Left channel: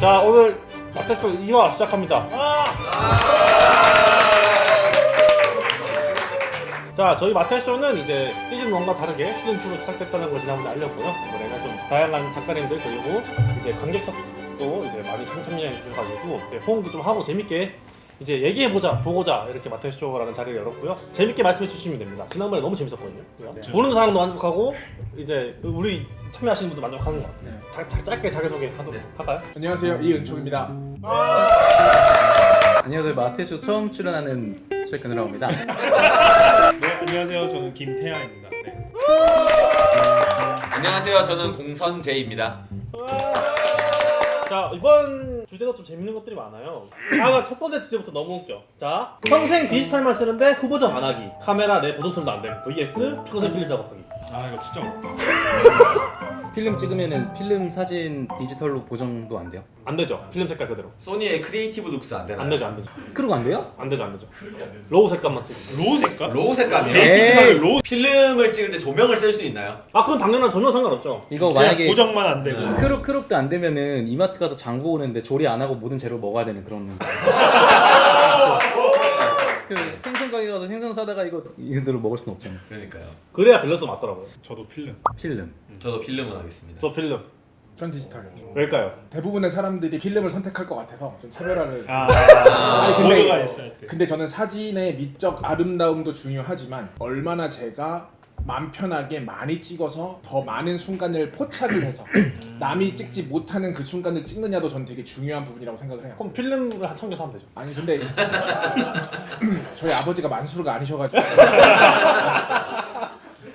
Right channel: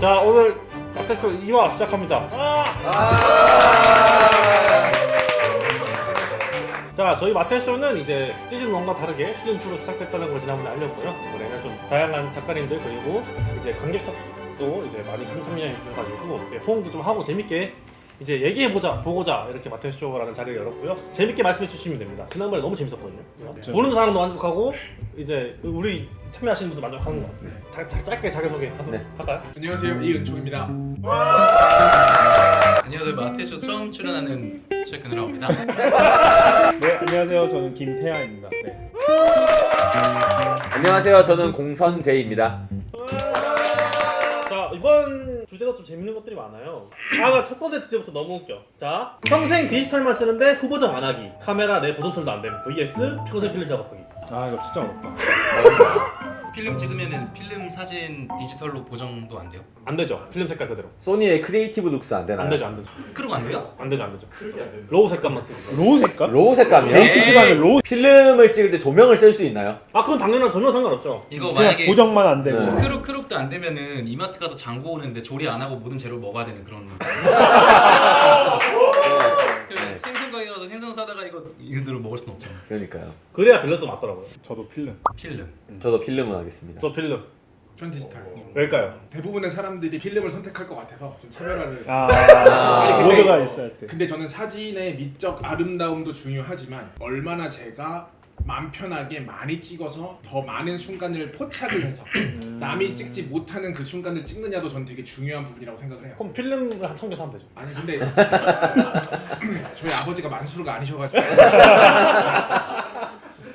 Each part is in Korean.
자, 오늘 마테쇼 2화 시작합니다. 자, 저희 마테쇼는 이제 시즌 1과 다르게 시즌 2로 시작됐다는 걸 지난번에 알렸고요. 이번에는 좀 다양한 작가님들 그리고 이제 관객석도 이제 많이 참여해 주셔가지고 호응도 좀 하고 재밌게 이제 얘기해보자, 보고자 이렇게 마테쇼라는 자리를 열었고요. 재밌게 말씀해 주시면 됩니다. 지난번에 너무 재밌었거든요. 네. 보는 사람도 만족하고 이제 우리 참여하시는 분도 만족하는 것 같아요. 짧게 자기소개 하도록 할까요? 안녕하세요, 이은총입니다. 안녕하세요. 마테쇼 처음 출연하는 최근우라고입니다. 네, 안녕하세요. 저는 김태하입니다. 네. 안녕하세요. 저는 공선재입니다. 자, 이번 주제도 좀 재밌는 것들이 많아요. 나 첫 번째 주제부터 너무 웃겨. 자, 평생 디지털만 쓰는데 후보작 안 하기, 카메라 내 보정 툴도 안 됨, vs 평생 필름 작업하기. 아, 이거 진짜 어렵다. 필름 찍으면은 필름 사진 디지털로 보정도 안 돼요? 안 되죠. 필름 색깔 그대로. 소니의 크리에이티브 룩스 안 되나요? 안 되죠, 안 되죠. 크루가 안 돼요? 안 되죠, 안 되죠. 로우 색감만 쓰기. 로우 색깔? 로우 색감이요? JPC가 로우 필름을 찍을 때 조명을 쓸 수 있나요? 아, 그건 당연한 전혀 상관없죠. 이거 그냥 만약에 고정만 안 되고. 크롭도 안 되면은 이마트 가서 장보 오는데 조리 안 하고 모든 재료 먹어야 되는 그런. 그 생선 가게 가서 생선 사다가 이대로 먹을 순 없잖아요. 그러니까요. 그래야 밸런스 맞더라고요. 저도 필름. 필름. 저도 필름은 하겠습니다. 저 필름. 전 디지털. 왜일까요? 대부분의 사람들이 필름을 선택할 것 같아서 좀 차별화를. 아니, 근데- 모드가 있을 때. 근데 저는 사진의 미적 아름다움도 중요하지만 얼마나 제가 마음 편하게 많이 찍어서 더 많은 순간을 포착을 해서 남이 찍지 못하는 그 순간을 찍느냐도 전 되게 중요한 부분이라고 생각을 해요. 그럼 필름을 한 1000개 사면 되죠. 아니 근데 저희 아버지가 만수르가 아니셔가지고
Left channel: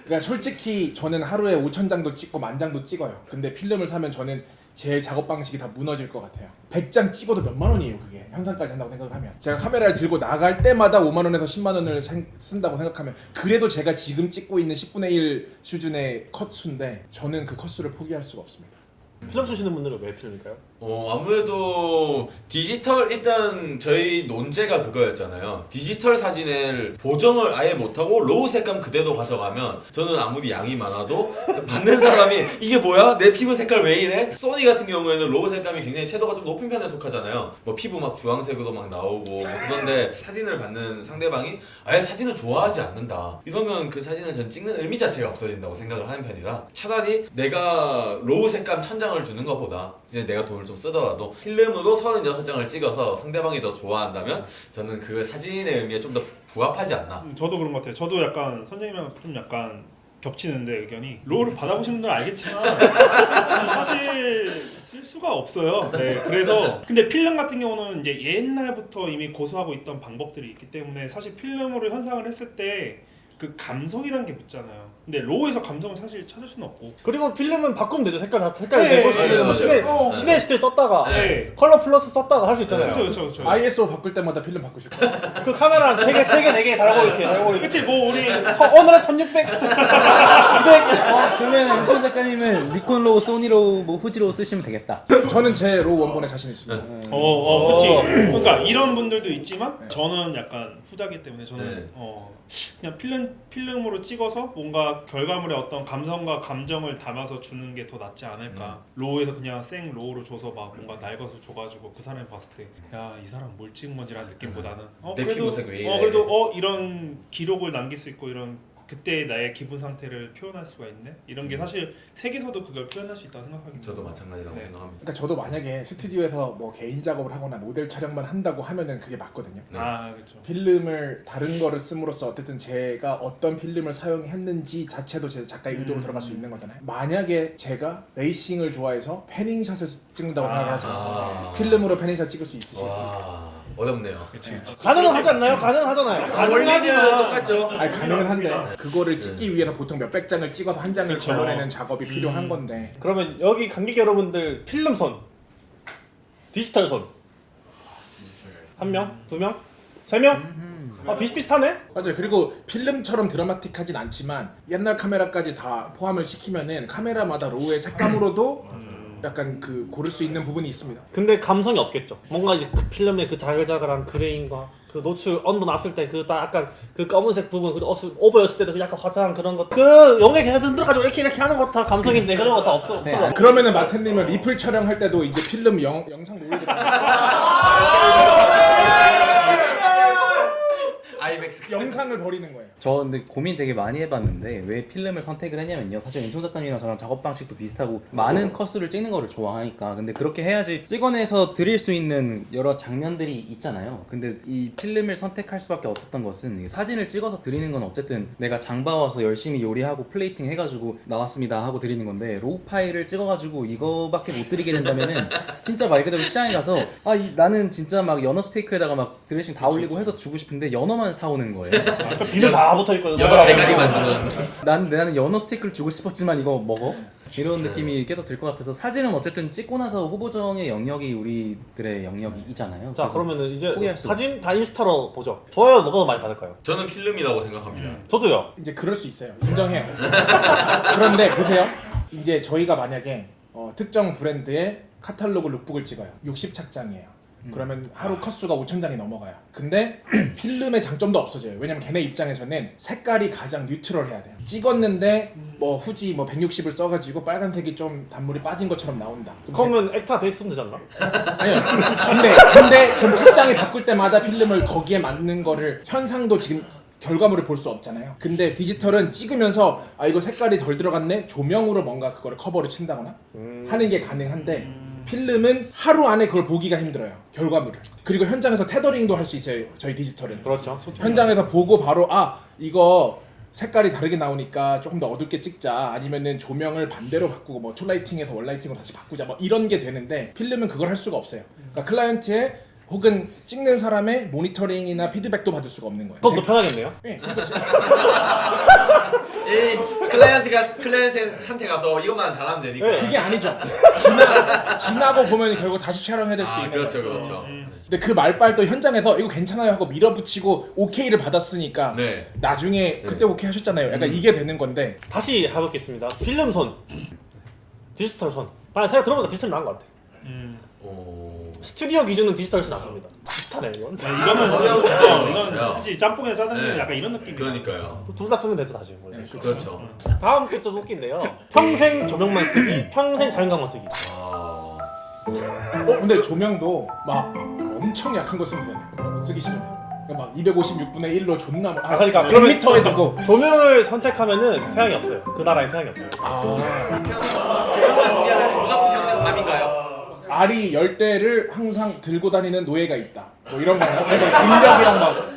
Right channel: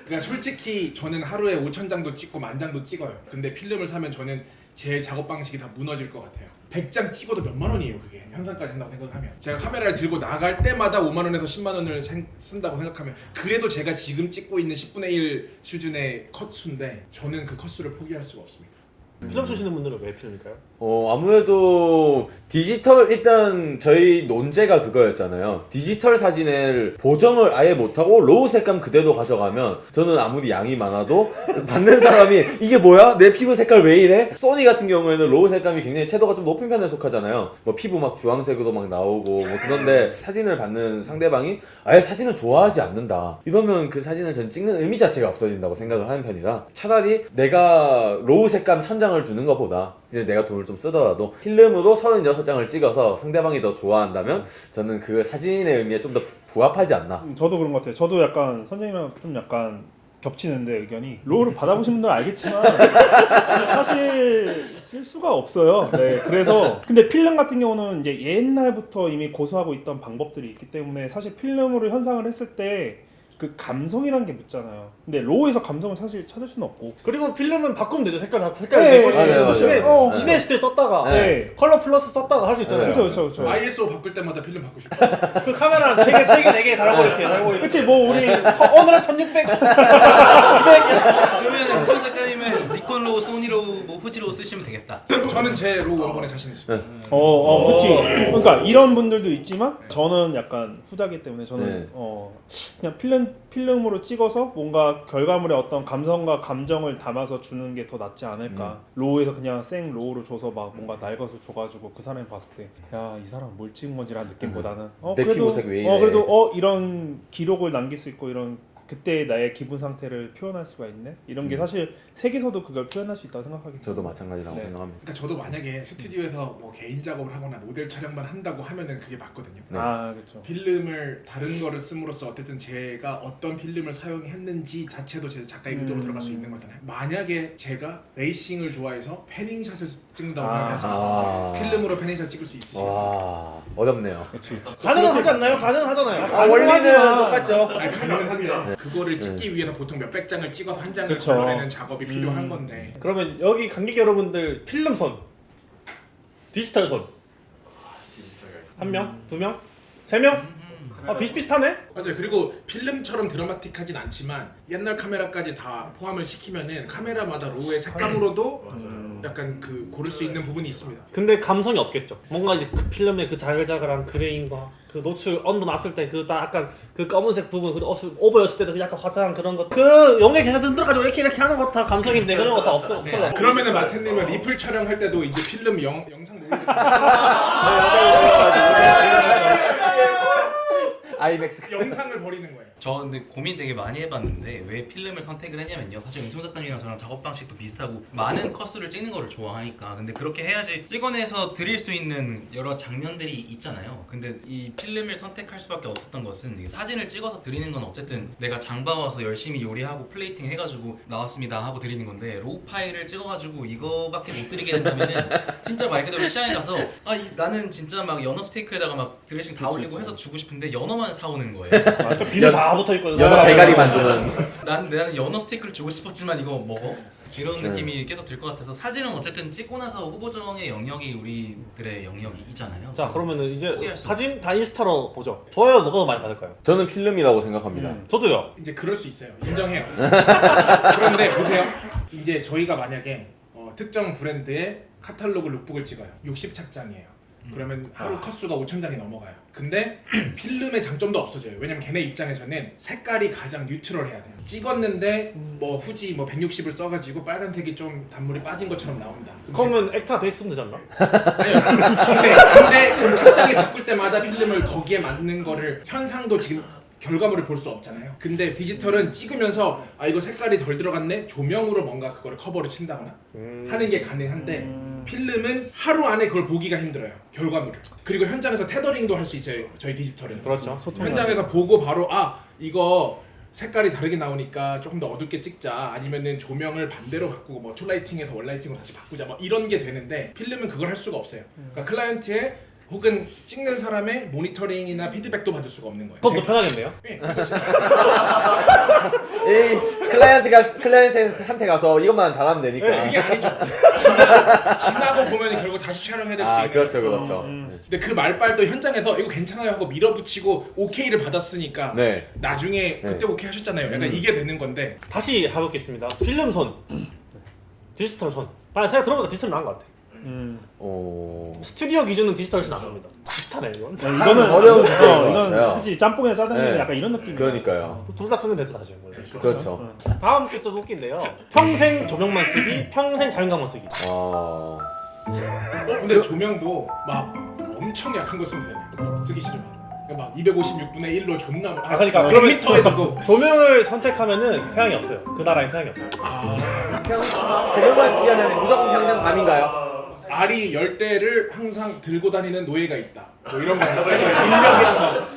그러니까 솔직히 저는 하루에 5,000장도 찍고 10,000장도 찍어요. 근데 필름을 사면 저는 제 작업 방식이 다 무너질 것 같아요. 100장 찍어도 몇만 원이에요 그게. 현상까지 한다고 생각을 하면 제가 카메라를 들고 나갈 때마다 5만 원에서 10만 원을 쓴다고 생각하면 그래도 제가 지금 찍고 있는 10분의 1 수준의 컷수인데 저는 그 컷수를 포기할 수가 없습니다. 필름 쓰시는 분들은 왜 필름일까요? 아무래도 디지털 일단 저희 논제가 그거였잖아요. 디지털 사진을 보정을 아예 못하고 로우 색감 그대로 가져가면 저는 아무리 양이 많아도 받는 사람이 이게 뭐야? 내 피부 색깔 왜 이래? 소니 같은 경우에는 로우 색감이 굉장히 채도가 좀 높은 편에 속하잖아요. 뭐 피부 막 주황색으로 막 나오고 뭐 그런데 사진을 받는 상대방이 아예 사진을 좋아하지 않는다. 이러면 그 사진을 전 찍는 의미 자체가 없어진다고 생각을 하는 편이라 차라리 내가 로우 색감 1000장을 주는 것보다 이제 내가 돈을 좀 쓰더라도 필름으로 36장을 찍어서 상대방이 더 좋아한다면 저는 그 사진의 의미에 좀 더 부합하지 않나. 저도 그런 것 같아요. 저도 약간 선생님이랑 좀 약간 겹치는데 의견이. 로우를 받아보신 분들은 알겠지만 사실 쓸 수가 없어요. 네, 그래서 근데 필름 같은 경우는 이제 옛날부터 이미 고수하고 있던 방법들이 있기 때문에 사실 필름으로 현상을 했을 때 그 감성이란 게 묻잖아요. 근데 로우에서 감성을 사실 찾을 수는 없고. 그리고 필름은 바꾸면 되죠. 색깔 네, 내고 네, 싶으면 뭐 맞아요. 시네 스틸 썼다가 네. 컬러 플러스 썼다가 할 수 있잖아요. 그렇죠. ISO 바꿀 때마다 필름 바꾸실 거예요. 그 카메라 3개, 4개 달아고 이렇게 달고 이렇게. 그치, 뭐 우리 오늘은 1600, 200. 그러면 정 작가님은 니콘 로우, 소니 로우, 뭐 후지 로우 쓰시면 되겠다. 저는 제 로우 원본에 자신 있습니다. 그치. 그러니까 이런 분들도 있지만 저는 약간 후자기 때문에 저는 그냥 필름으로 찍어서 뭔가 결과물에 어떤 감성과 감정을 담아서 주는 게 더 낫지 않을까. 로우에서 그냥 생 로우로 줘서 막 뭔가 낡아서 줘가지고 그 사람이 봤을 때 야, 이 사람 뭘 찍은 건지라는 느낌보다는 내 그래도 피부색 왜 이래? 그래도 이런 기록을 남길 수 있고 이런 그때 나의 기분 상태를 표현할 수가 있네. 이런 게 사실 색에서도 그걸 표현할 수 있다고 생각하기 때문에. 저도 마찬가지라고 네. 생각합니다. 그러니까 저도 만약에 스튜디오에서 뭐 개인 작업을 하거나 모델 촬영만 한다고 하면은 그게 맞거든요. 아, 그렇죠. 필름을 다른 거를 씀으로써 어쨌든 제가 어떤 필름을 사용했는지 자체도 제 작가의 의도로 들어갈 수 있는 거잖아요. 만약에 제가 레이싱을 좋아해서 패닝샷을 찍는다고 생각하잖아요. 필름으로 패닝샷 찍을 수 있으시겠어요? 와 어렵네요. 그치. 가능은 하지 않나요? 가능하잖아요. 가능하지만 똑같죠. 아니 가능은 한데 그거를 찍기 위해서 보통 몇백 장을 찍어서 한 장을 그쵸. 걸러내는 작업이 필요한 건데 그러면 여기 관객 여러분들 필름 손, 디지털 손. 한 명? 2명? 3명? 비슷비슷하네? 맞아요. 그리고 필름처럼 드라마틱하진 않지만 옛날 카메라까지 다 포함을 시키면은 카메라마다 로우의 색감으로도 약간 그 고를 수 있는 부분이 있습니다. 근데 감성이 없겠죠. 뭔가 이제 그 필름의 그 자글자글한 그레인과 그 노출 언더 났을 때 그 딱 약간 그 검은색 부분 그리고 오버였을 때도 그 약간 화사한 그런 것 그 영에 계속 흔들어가지고 이렇게 하는 거 다 감성인데 그런 거 다 없어. 그러면은 마태님은 리플 촬영할 때도 이제 필름 영상 놀리게 아이맥스 영상을 버리는 거예요. 저 근데 고민 되게 많이 해봤는데 왜 필름을 선택을 했냐면요. 사실 은총 작가님이랑 저랑 작업 방식도 비슷하고 많은 컷수를 찍는 거를 좋아하니까. 근데 그렇게 해야지 찍어내서 드릴 수 있는 여러 장면들이 있잖아요. 근데 이 필름을 선택할 수밖에 없었던 것은 사진을 찍어서 드리는 건 어쨌든 내가 장봐와서 열심히 요리하고 플레이팅 해가지고 나왔습니다 하고 드리는 건데 로우 파일을 찍어가지고 이거밖에 못 드리게 된다면은 진짜 말 그대로 시장에 가서 나는 진짜 막 연어 스테이크에다가 막 드레싱 다 올리고 해서 주고 싶은데 연어만 사오는 거예요. 비늘 다 붙어 있고 대가리만 주는. 나는 연어 스테이크를 주고 싶었지만 이거 먹어? 이런 느낌이 계속 들 것 같아서 사진은 어쨌든 찍고 나서 후보정의 영역이 우리들의 영역이잖아요. 자 그러면은 이제 포기할 수 사진 다 인스타로 보죠. 좋아요 뭐가 더 많이 받을까요? 저는 필름이라고 생각합니다. 저도요. 이제 그럴 수 있어요. 인정해요. 그런데 보세요. 이제 저희가 만약에 특정 브랜드의 카탈로그 룩북을 찍어요. 60착장이에요. 그러면 하루 컷수가 5,000장이 넘어가요. 근데 필름의 장점도 없어져요. 왜냐면 걔네 입장에서는 색깔이 가장 뉴트럴해야 돼요. 찍었는데 뭐 후지 뭐 160을 써가지고 빨간색이 좀 단물이 빠진 것처럼 나온다. 그러면 액타 100 쓰면 되지 않나? 아니요. 근데 그럼 착장이 바꿀 때마다 필름을 거기에 맞는 거를 현상도 지금 결과물을 볼 수 없잖아요. 근데 디지털은 찍으면서 이거 색깔이 덜 들어갔네? 조명으로 뭔가 그거를 커버를 친다거나 하는 게 가능한데 필름은 하루 안에 그걸 보기가 힘들어요. 결과물을. 그리고 현장에서 테더링도 할 수 있어요. 저희 디지털은. 그렇죠. 현장에서 보고 바로 이거 색깔이 다르게 나오니까 조금 더 어둡게 찍자 아니면은 조명을 반대로 바꾸고 뭐 투라이팅에서 원라이팅으로 다시 바꾸자 뭐 이런 게 되는데 필름은 그걸 할 수가 없어요. 그러니까 클라이언트의 혹은 찍는 사람의 모니터링이나 피드백도 받을 수가 없는 거예요. 그것도 편하겠네요. 네, 그렇죠. 클라이언트한테 가서 이것만 잘하면 되니까. 네. 그게 아니죠. 지나고 보면 결국 다시 촬영해야 될 수도 있는 그렇죠, 거죠. 그렇죠. 근데 그 말빨도 현장에서 이거 괜찮아요 하고 밀어붙이고 오케이를 받았으니까 네. 나중에 그때 오케이 하셨잖아요. 약간 이게 되는 건데 다시 해보겠습니다. 필름 손, 디지털 손. 생각 들어보니까 디지털이 나은 것 같아. 스튜디오 기준은 디지털이 낫습니다. 비슷하네 이건. 이거는 어려운 이건 거예요. 그치 짬뽕이나 짜장면 네. 약간 이런 느낌이야. 그러니까요. 둘 다 쓰면 되죠 사실. 원래. 그렇죠. 다음 게 좀 웃긴데요. 평생 조명만 쓰기, 평생 자연광만 쓰기. 근데 조명도 막 엄청 약한 거 쓰면 되네. 쓰기 싫으면. 그러니까 막 256분의 1로 존나 그러니까 그러면 100m에 두고 조명을 선택하면은 태양이 없어요. 그 나라에 태양이 없어요. 조명만 쓰게 하면 무조건 평생 밤인가요? 알이 10대를 항상 들고 다니는 노예가 있다. 뭐 이런 거. 인력이랑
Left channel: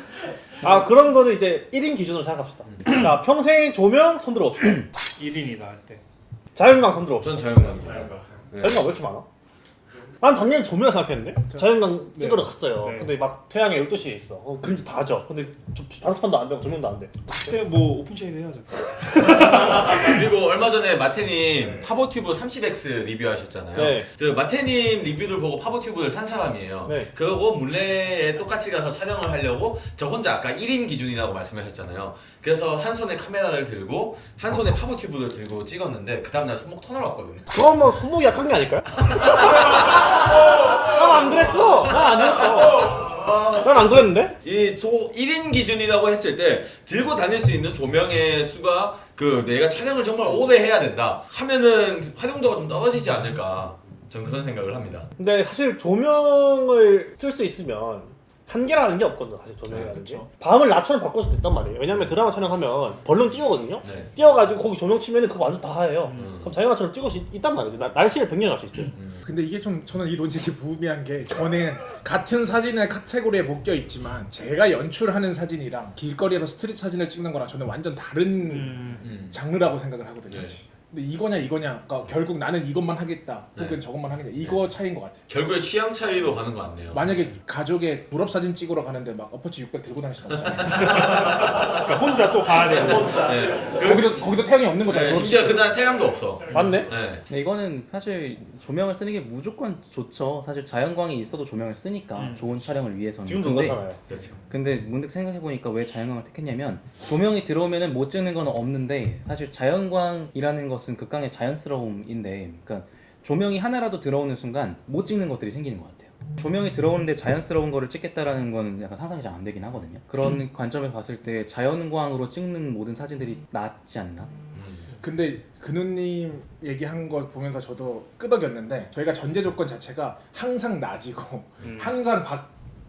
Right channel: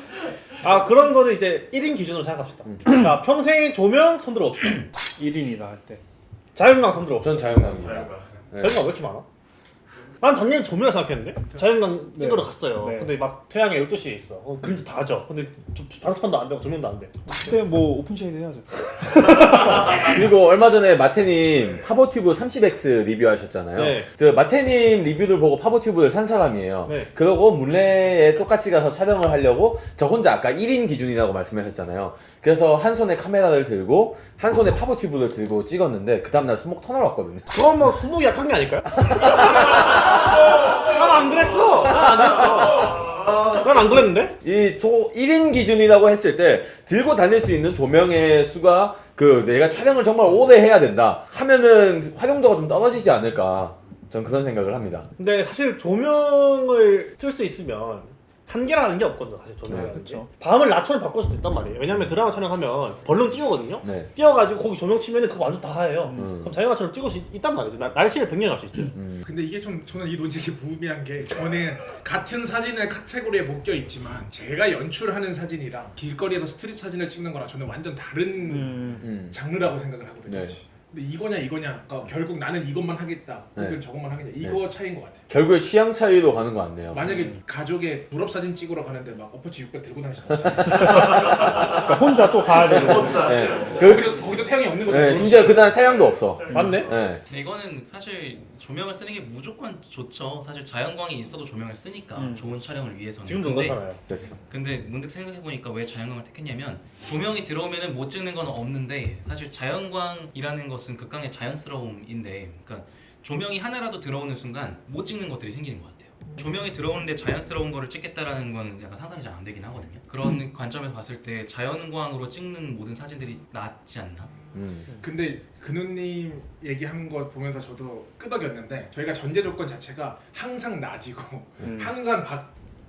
막 그런 거는 이제 1인 기준으로 생각합시다. 자, 평생 조명 손들어 봅시다. 1인이다 할 때. 자연광 손들어 봅시다. 전 자연광. 자연광 왜 이렇게 많아? 난 당연히 조명을 생각했는데 자연광 찍으러 갔어요. 네. 근데 막 태양이 12시에 있어. 그림자 다 져. 근데 방수판도 안 되고 조명도 안 돼. 그때 뭐 오픈쉐이드 해야죠. 그리고 얼마 전에 마태님 파버튜브 30X 리뷰하셨잖아요. 네. 저 마태님 리뷰를 보고 파버튜브를 산 사람이에요. 네. 그러고 물레에 똑같이 가서 촬영을 하려고 저 혼자 아까 1인 기준이라고 말씀하셨잖아요. 그래서 한 손에 카메라를 들고 한 손에 파버튜브를 들고 찍었는데 그 다음날 손목 터널 왔거든요. 그건 뭐 손목이 약한 게 아닐까요? 난 안 그랬어. 난 아니었어. 난 안 그랬는데? 이 1인 기준이라고 했을 때 들고 다닐 수 있는 조명의 수가 내가 촬영을 정말 오래 해야 된다 하면은 활용도가 좀 떨어지지 않을까 전 그런 생각을 합니다. 근데 사실 조명을 쓸 수 있으면 한계라는 게 없거든요. 사실 조명이라는 게. 그쵸. 밤을 낮처럼 바꿀 수도 있단 말이에요. 왜냐면 드라마 촬영하면 벌룬 띄우거든요. 네. 띄워가지고 거기 조명 치면은 그거 완전 다 하예요. 음. 그럼 자연광처럼 찍을 수 있단 말이죠. 날씨를 변경할 수 있어요. 근데 이게 좀 저는 이 논쟁이 무의미한 게 저는 같은 사진의 카테고리에 묶여 있지만 제가 연출하는 사진이랑 길거리에서 스트릿 사진을 찍는 거랑 저는 완전 다른 장르라고 생각을 하거든요. 네. 근데 이거냐 그러니까 결국 나는 이것만 하겠다 혹은 네. 저것만 하겠다 이거 차이인 것 같아요. 결국에 취향 차이로 가는 거 같네요. 만약에 가족의 졸업 사진 찍으러 가는데 막 어퍼치 600 들고 다닐 수는 없잖아요. 그러니까 혼자 또 가야 되고. 네. 거기도 태양이 없는 거잖아요. 네, 심지어 그날 태양도 없어. 맞네? 네. 근데 이거는 사실 조명을 쓰는 게 무조건 좋죠. 사실 자연광이 있어도 조명을 쓰니까 좋은 촬영을 위해서는. 지금도 그렇잖아요. 근데 문득 생각해보니까 왜 자연광을 택했냐면 조명이 들어오면은 못 찍는 건 없는데 사실 자연광이라는 것은 극강의 자연스러움인데 그러니까 조명이 하나라도 들어오는 순간 못 찍는 것들이 생기는 것 같아요. 조명이 들어오는데 자연스러운 거를 찍겠다라는 건 약간 상상이 잘 안 되긴 하거든요. 그런 관점에서 봤을 때 자연광으로 찍는 모든 사진들이 낫지 않나? 근데 근우님 얘기한 거 보면서 저도 끄덕였는데 저희가 전제 조건 자체가 항상 낮이고 항상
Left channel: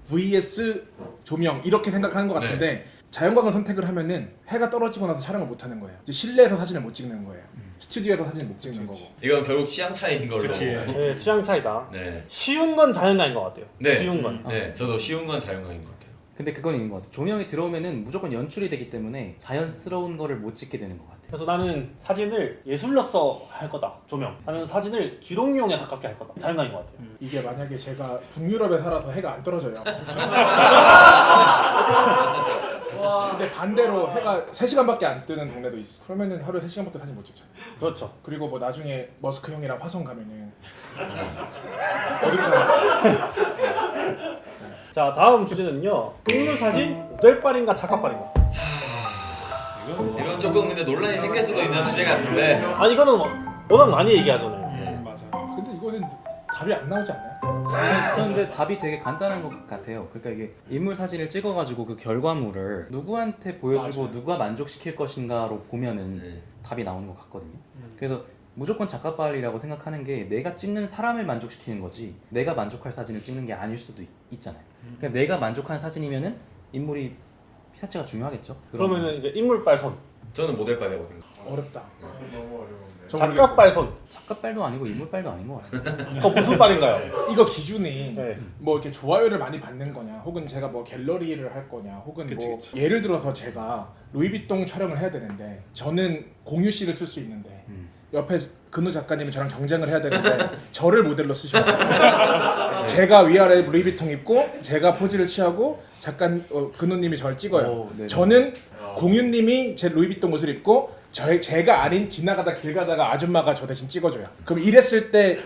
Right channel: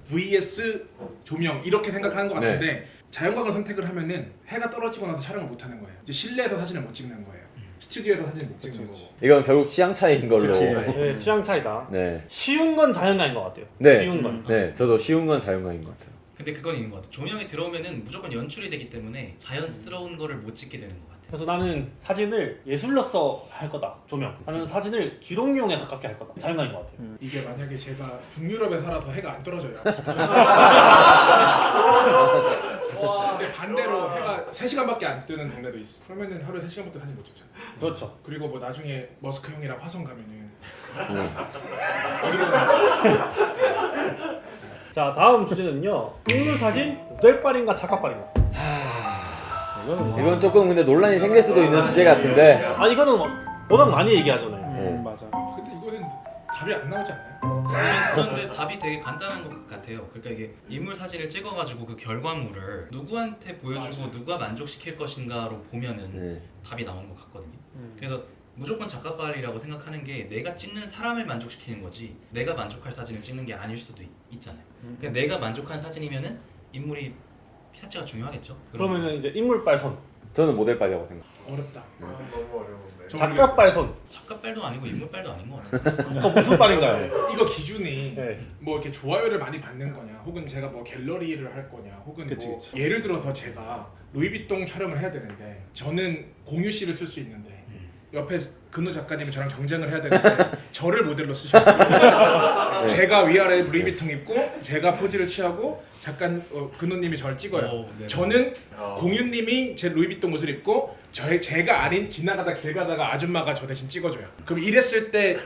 vs 조명 이렇게 생각하는 것 같은데 자연광을 선택을 하면은 해가 떨어지고 나서 촬영을 못 하는 거예요. 이제 실내에서 사진을 못 찍는 거예요. 스튜디오에서 사진을 못 찍는 거고. 이건 결국 취향 차이인 걸로. 그치. 네, 취향 차이다. 네. 쉬운 건 자연광인 것 같아요. 네. 쉬운 건. 네, 저도 쉬운 건 자연광인 것 같아요. 근데 그건 있는 것 같아요. 조명이 들어오면은 무조건 연출이 되기 때문에 자연스러운 거를 못 찍게 되는 것 같아요. 그래서 나는 사진을 예술로서 할 거다. 조명. 나는 사진을 기록용에 가깝게 할 거다. 자연광인 것 같아요. 이게 만약에 제가 북유럽에 살아서 해가 안 떨어져요. 근데 반대로 해가 3시간밖에 안 뜨는 동네도 있어. 그러면은 하루에 3시간밖에 사진 못 찍잖아. 그렇죠. 그리고 뭐 나중에 머스크 형이랑 화성 가면은 어렵잖아. 자, 다음 주제는요. 인물 사진 모델빨인가 작가빨인가? 이건 조금 근데 논란이 생길 수도 있는 주제 같은데. 아, 이거는 워낙 많이 얘기하잖아요. 맞아. 근데 이거는 답이 안 나오지 않나요? 그런데 답이 되게 간단한 것 같아요. 그러니까 이게 인물 사진을 찍어가지고 그 결과물을 누구한테 보여주고 맞아요. 누가 만족시킬 것인가로 보면은 네. 답이 나오는 것 같거든요. 그래서 무조건 작가빨이라고 생각하는 게 내가 찍는 사람을 만족시키는 거지 내가 만족할 사진을 찍는 게 아닐 수도 있잖아요. 그러니까 내가 만족한 사진이면은 인물이 피사체가 중요하겠죠. 그러면은 이제 인물빨 손, 저는 모델빨이라고 생각. 어렵다. 작가빨 손. 작가빨도 아니고 인물빨도 아닌 것 같아요. 그거 무슨 빨인가요? 이거 기준이 네. 뭐 이렇게 좋아요를 많이 받는 거냐, 혹은 제가 뭐 갤러리를 할 거냐, 혹은 그치, 뭐 그치. 예를 들어서 제가 루이비통 촬영을 해야 되는데 저는 공유 씨를 쓸 수 있는데 옆에 근우 작가님이 저랑 경쟁을 해야 되는데 저를 모델로 쓰셔야 돼요. 제가 위아래 루이비통 입고 제가 포즈를 취하고 근우님이 저를 찍어요. 오, 네네. 저는 공유님이 제 루이비통 옷을 입고 제가 아닌 지나가다 길 가다가 아줌마가 저 대신 찍어줘요. 그럼 이랬을 때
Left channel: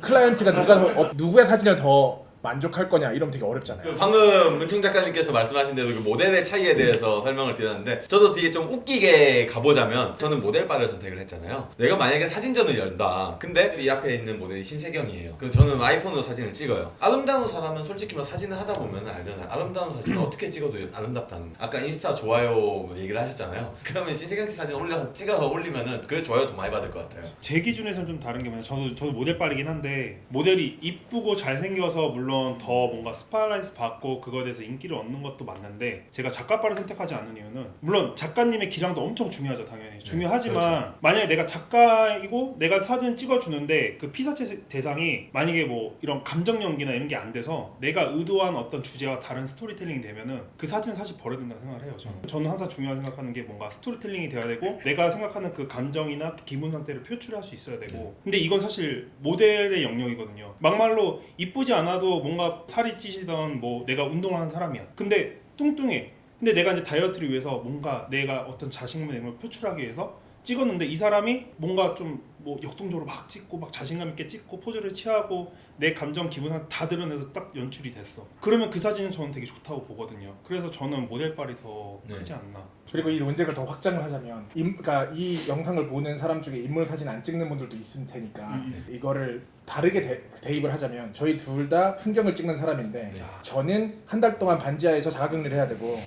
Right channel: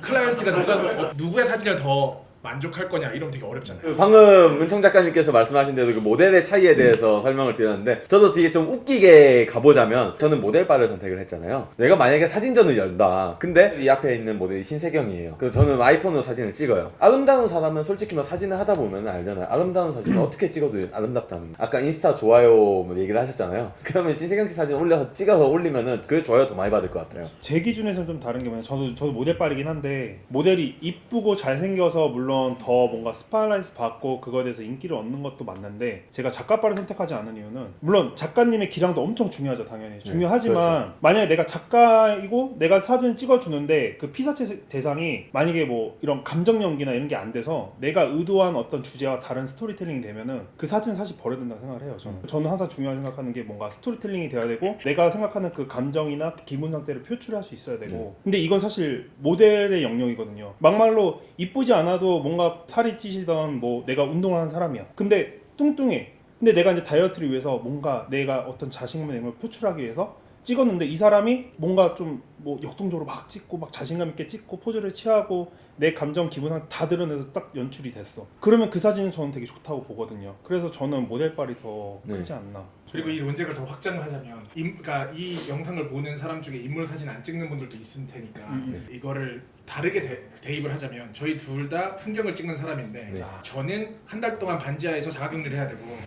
클라이언트가 누구의 사진을 더 만족할 거냐 이러면 되게 어렵잖아요. 방금 문청 작가님께서 말씀하신 대로 그 모델의 차이에 대해서 설명을 드렸는데 저도 되게 좀 웃기게 가보자면 저는 모델바를 선택을 했잖아요. 내가 만약에 사진전을 연다. 근데 이 앞에 있는 모델이 신세경이에요. 그래서 저는 아이폰으로 사진을 찍어요. 아름다운 사람은 솔직히 뭐 사진을 하다 보면 알잖아요. 아름다운 사진은 어떻게 찍어도 아름답다는 거. 아까 인스타 좋아요 뭐 얘기를 하셨잖아요. 그러면 신세경 씨 사진 찍어서 올리면은 그 좋아요 더 많이 받을 것 같아요. 제 기준에서는 좀 다른 게 뭐냐면 저도 모델빨이긴 한데 모델이 이쁘고 잘생겨서 물론 더 뭔가 스팟라이트 받고 그거에 대해서 인기를 얻는 것도 맞는데 제가 작가빨을 선택하지 않은 이유는 물론 작가님의 기량도 엄청 중요하죠. 당연히 중요하지만 그렇죠. 만약에 내가 작가이고 내가 사진 찍어주는데 그 피사체 대상이 만약에 뭐 이런 감정 연기나 이런 게 안 돼서 내가 의도한 어떤 주제와 다른 스토리텔링이 되면은 그 사진은 사실 버려야 된다고 생각을 해요. 저는 항상 중요하게 생각하는 게 뭔가 스토리텔링이 돼야 되고 내가 생각하는 그 감정이나 기분 상태를 표출할 수 있어야 되고 근데 이건 사실 모델의 영역이거든요. 막말로 이쁘지 않아도 뭔가 살이 찌시던 뭐 내가 운동하는 사람이야. 근데 뚱뚱해. 근데 내가 이제 다이어트를 위해서 뭔가 내가 어떤 자신감을 표출하기 위해서 찍었는데 이 사람이 뭔가 좀 뭐 역동적으로 막 찍고 막 자신감 있게 찍고 포즈를 취하고 내 감정 기분 상태 다 드러내서 딱 연출이 됐어. 그러면 그 사진은 저는 되게 좋다고 보거든요. 그래서 저는 모델빨이 더 크지 않나. 그리고 이 논쟁을 더 확장을 하자면 그러니까 이 영상을 보는 사람 중에 인물 사진 안 찍는 분들도 있을 테니까 이거를 다르게 대입을 하자면 저희 둘 다 풍경을 찍는 사람인데 저는 한 달 동안 반지하에서 자가격리를 해야 되고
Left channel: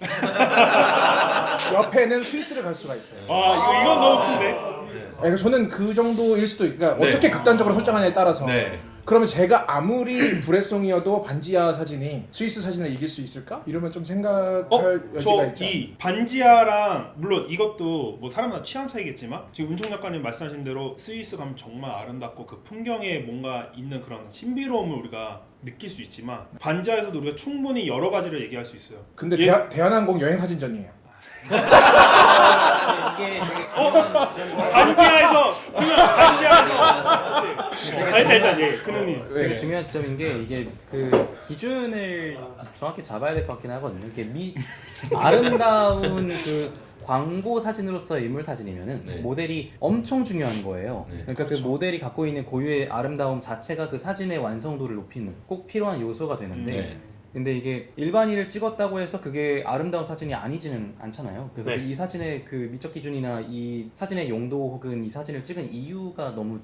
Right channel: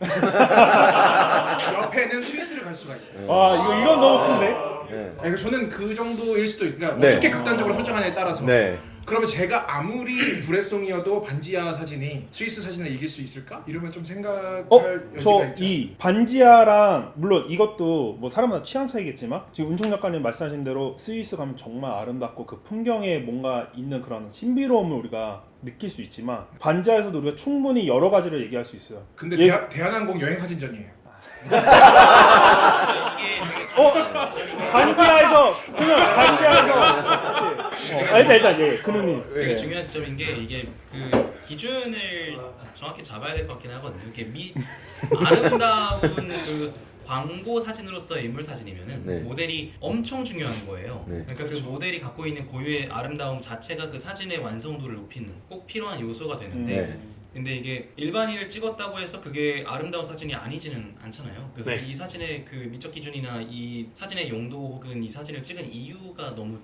옆에는 스위스를 갈 수가 있어요. 와 이건 너무 큰데? 그러니까 저는 그 정도일 수도 그러니까 네. 어떻게 극단적으로 설정하냐에 따라서 네. 그러면 제가 아무리 불애송이어도 반지하 사진이 스위스 사진을 이길 수 있을까? 이러면 좀 생각할 여지가 저 있죠. 이 반지하랑 물론 이것도 뭐 사람마다 취향 차이겠지만 지금 운총 작가님 말씀하신 대로 스위스 가면 정말 아름답고 그 풍경에 뭔가 있는 그런 신비로움을 우리가 느낄 수 있지만 반지하에서도 우리가 충분히 여러 가지를 얘기할 수 있어요. 근데 대한항공 여행 사진전이에요. 이게 반지하에서 그냥 반지하에서 일단 예 근우님 되게 중요한 지점인 게 이게 그 기준을 정확히 잡아야 될 것 같긴 하거든요. 이게 아름다운 그 광고 사진으로서의 인물 사진이면은 네. 모델이 엄청 중요한 거예요. 네. 그러니까 그 모델이 갖고 있는 고유의 아름다움 자체가 그 사진의 완성도를 높이는 꼭 필요한 요소가 되는데 네. 근데 이게 일반인을 찍었다고 해서 그게 아름다운 사진이 아니지는 않잖아요. 그래서 네. 이 사진의 그 미적 기준이나 이 사진의 용도 혹은 이 사진을 찍은 이유가 너무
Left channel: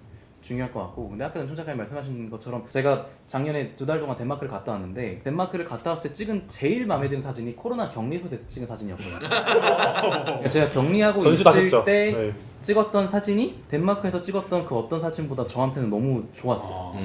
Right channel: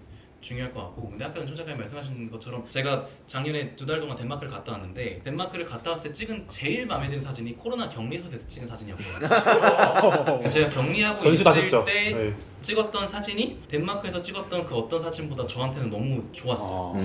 중요할 것 같고 근데 아까 은총 작가님 말씀하신 것처럼 제가 작년에 2달 동안 덴마크를 갔다 왔는데 덴마크를 갔다 왔을 때 찍은 제일 마음에 드는 사진이 코로나 격리소에서 찍은 사진이었거든요. 제가 격리하고 있을 전시하셨죠? 때 네. 찍었던 사진이 덴마크에서 찍었던 그 어떤 사진보다 저한테는 너무 좋았어요.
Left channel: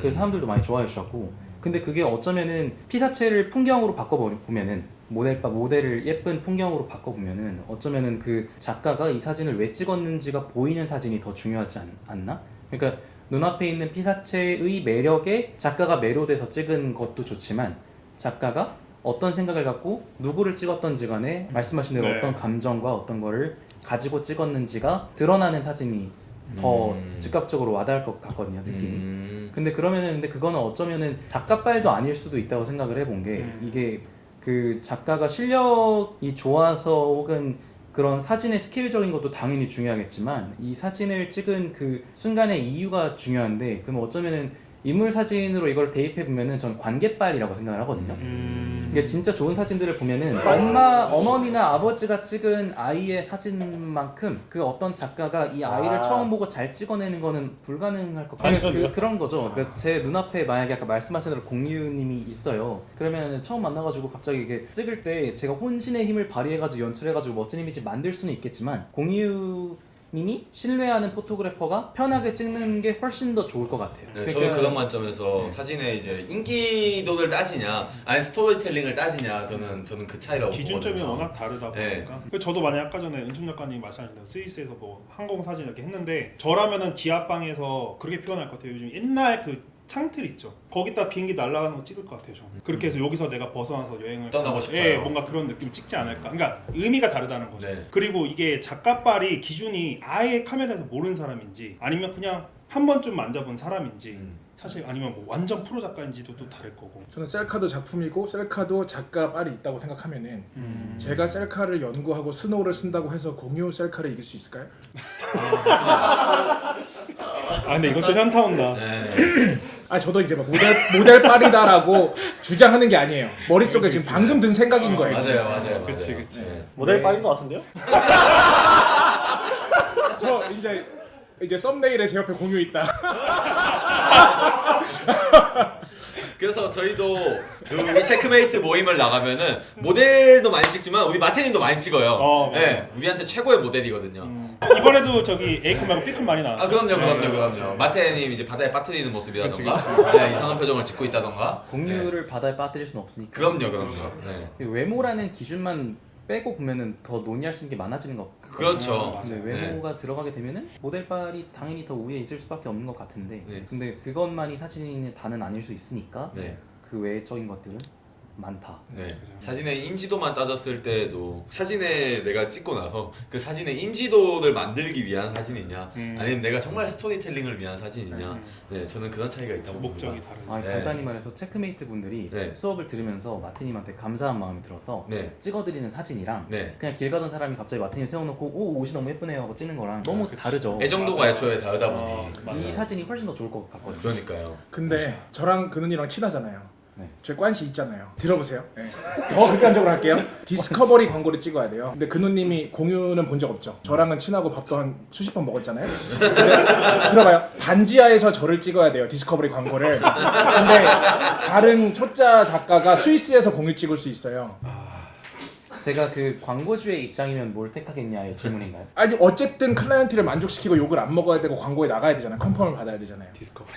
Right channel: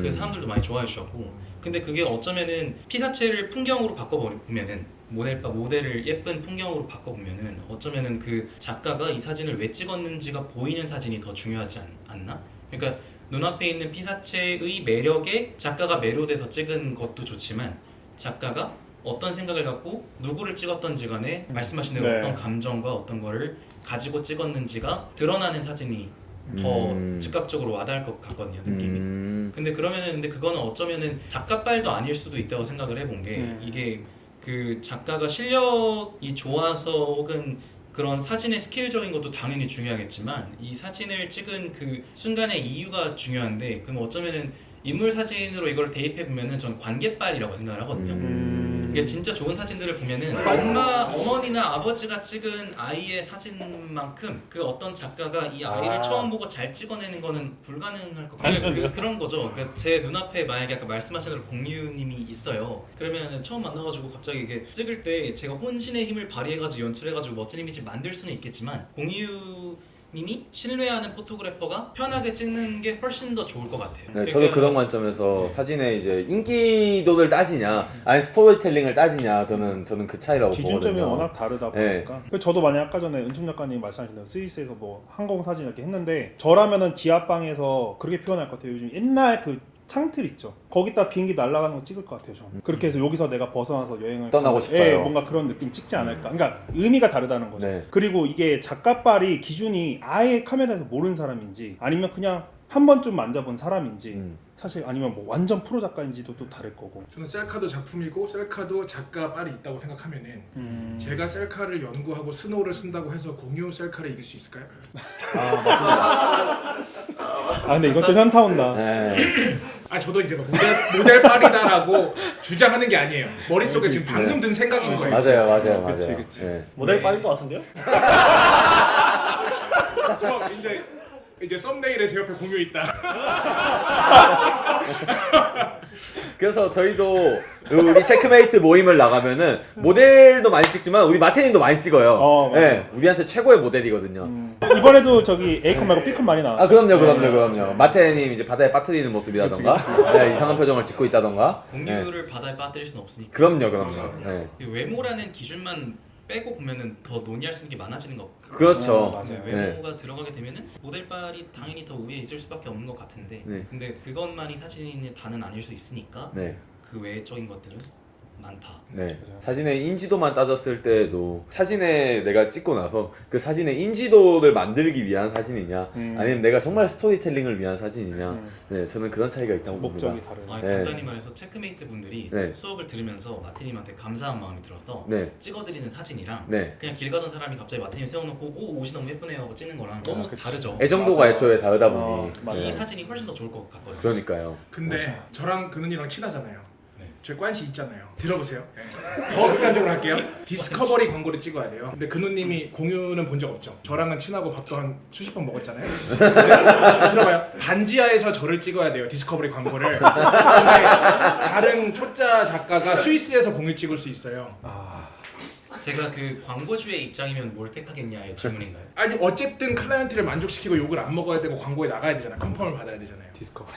그래서 사람들도 많이 좋아해 주셨고 근데 그게 어쩌면은 피사체를 풍경으로 바꿔보면은 모델을 예쁜 풍경으로 바꿔보면은 어쩌면은 그 작가가 이 사진을 왜 찍었는지가 보이는 사진이 더 중요하지 않나? 그러니까 눈앞에 있는 피사체의 매력에 작가가 매료돼서 찍은 것도 좋지만 작가가 어떤 생각을 갖고 누구를 찍었던지 간에 말씀하신 대로 네. 어떤 감정과 어떤 거를 가지고 찍었는지가 드러나는 사진이 더 즉각적으로 와닿을 것 같거든요, 느낌이. 근데 그거는 어쩌면은 작가빨도 아닐 수도 있다고 생각을 해본 게 이게 그 작가가 실력이 좋아서 혹은 그런 사진의 스케일적인 것도 당연히 중요하겠지만 이 사진을 찍은 그 순간의 이유가 중요한데 그럼 어쩌면은 인물 사진으로 이걸 대입해 보면은 전 관계빨이라고 생각을 하거든요. 이게 진짜 좋은 사진들을 보면은 어머니나 아버지가 찍은 아이의 사진만큼 그 어떤 작가가 이 아이를 처음 보고 잘 찍어내는 거는 불가능할 것 같아요. 그런 거죠. 그러니까 제 눈앞에 만약에 아까 말씀하신 대로 공유님이 있어요. 그러면 처음 만나가지고 갑자기 이게 찍을 때 제가 혼신의 힘을 발휘해가지고 연출해가지고 멋진 이미지 만들 수는 있겠지만 님이 신뢰하는 포토그래퍼가 편하게 찍는 게 훨씬 더 좋을 것 같아요. 네, 저도 그런 관점에서 사진의 이제 인기도를 따지냐, 아니 스토리텔링을 따지냐, 저는 그 차이라고 기준점이 보거든요. 워낙 다르다 보니까. 그 저도 만약 아까 전에 은총 작가님 말씀하신 대로 스위스에서 뭐 항공 사진 이렇게 했는데 저라면은 지하방에서 그렇게 표현할 것 같아요. 요즘 옛날 그 창틀 있죠. 거기다 비행기 날아가는 거 찍을 것 같아요. 저는. 그렇게 해서 여기서 내가 벗어나서 여행을 떠나고 가면, 싶어요. 예, 뭔가 그런 느낌 찍지 않을까. 그러니까 의미가 다르다는 거죠. 네. 그리고 이게 작가빨이 기준이 아예 카메라에서 모르는 사람인지 아니면 그냥 한 번쯤 만져본 사람인지 사실 아니면 뭐 완전 프로 작가인지도 또 다를 거고. 저는 셀카도 작품이고 셀카도 작가 빨이 있다고 생각하면은 제가 셀카를 연구하고 스노우를 쓴다고 해서 공유 셀카를 이길 수 있을까요? 아 근데 이건 좀 현타 온다. 네. 아 저도 이제 막 모델 빨이다라고 주장하는 게 아니에요. 머릿속에 그치, 지금 그치. 방금 든 생각인 거예요. 맞아요. 그치, 그치. 네. 모델 빨인 것 같은데요? 저 이제 썸네일에 제 옆에 공유 있다. 그래서 저희도 우리 체크메이트 모임을 나가면은 모델도 많이 찍지만 우리 마태님도 많이 찍어요. 맞아요. 네, 우리한테 최고의 모델이거든요. 이번에도 저기 에이컨 말고 피클 많이 나왔죠. 아 그럼요. 마태님 이제 바다에 빠뜨리는 모습이라던가, 네, 이상한 표정을 짓고 있다던가. 공유를 바다에 빠뜨릴 순 없으니까. 그럼요. 네. 외모라는 기준만 빼고 보면은 더 논의할 수 있는 게 많아지는 것 같아요. 그렇죠. 맞아요. 외모가 들어가게 되면은 모델빨이 당연히 더 위에 있을 수밖에 없는 것 같은데 네. 근데 그것만이 사진의 다는 아닐 수 있으니까 네. 그 외적인 것들은 많다. 네. 그죠. 사진의 인지도만 따졌을 때도 사진에 내가 찍고 나서 그 사진의 인지도를 만들기 위한 사진이냐 아니면 내가 정말 스토리텔링을 위한 사진이냐 네, 저는 그런 차이가 있다고 목적이 봅니다. 다르네. 네. 간단히 말해서 체크메이트 분들이 네. 수업을 들으면서 마태님한테 감사한 마음이 들어서 네. 찍어드리는 사진이랑 네. 그냥 길 가던 사람이 갑자기 마태님 세워놓고 오 옷이 너무 예쁘네요 하고 찍는 거랑 너무 그치. 다르죠. 애정도가 맞아요. 애초에 다르다 보니 이 맞아요. 사진이 훨씬 더 좋을 것 같거든요. 그러니까요. 근데 저랑 그누이랑 친하잖아요. 네. 제 관시 있잖아요. 들어보세요. 네. 더 극단적으로 할게요. 디스커버리 광고를 찍어야 돼요. 근데 근우님이 공유는 본 적 없죠. 저랑은 친하고 밥도 한 수십 번 먹었잖아요. 근데 들어봐요. 반지하에서 저를 찍어야 돼요. 디스커버리 광고를. 근데 다른 초짜 작가가 스위스에서 공유 찍을 수 있어요. 제가 그 광고주의 입장이면 뭘 택하겠냐의 질문인가요? 아니 어쨌든 클라이언트를 만족시키고 욕을 안 먹어야 되고 광고에 나가야 되잖아요. 컨펌을 받아야 되잖아요. 디스커버리.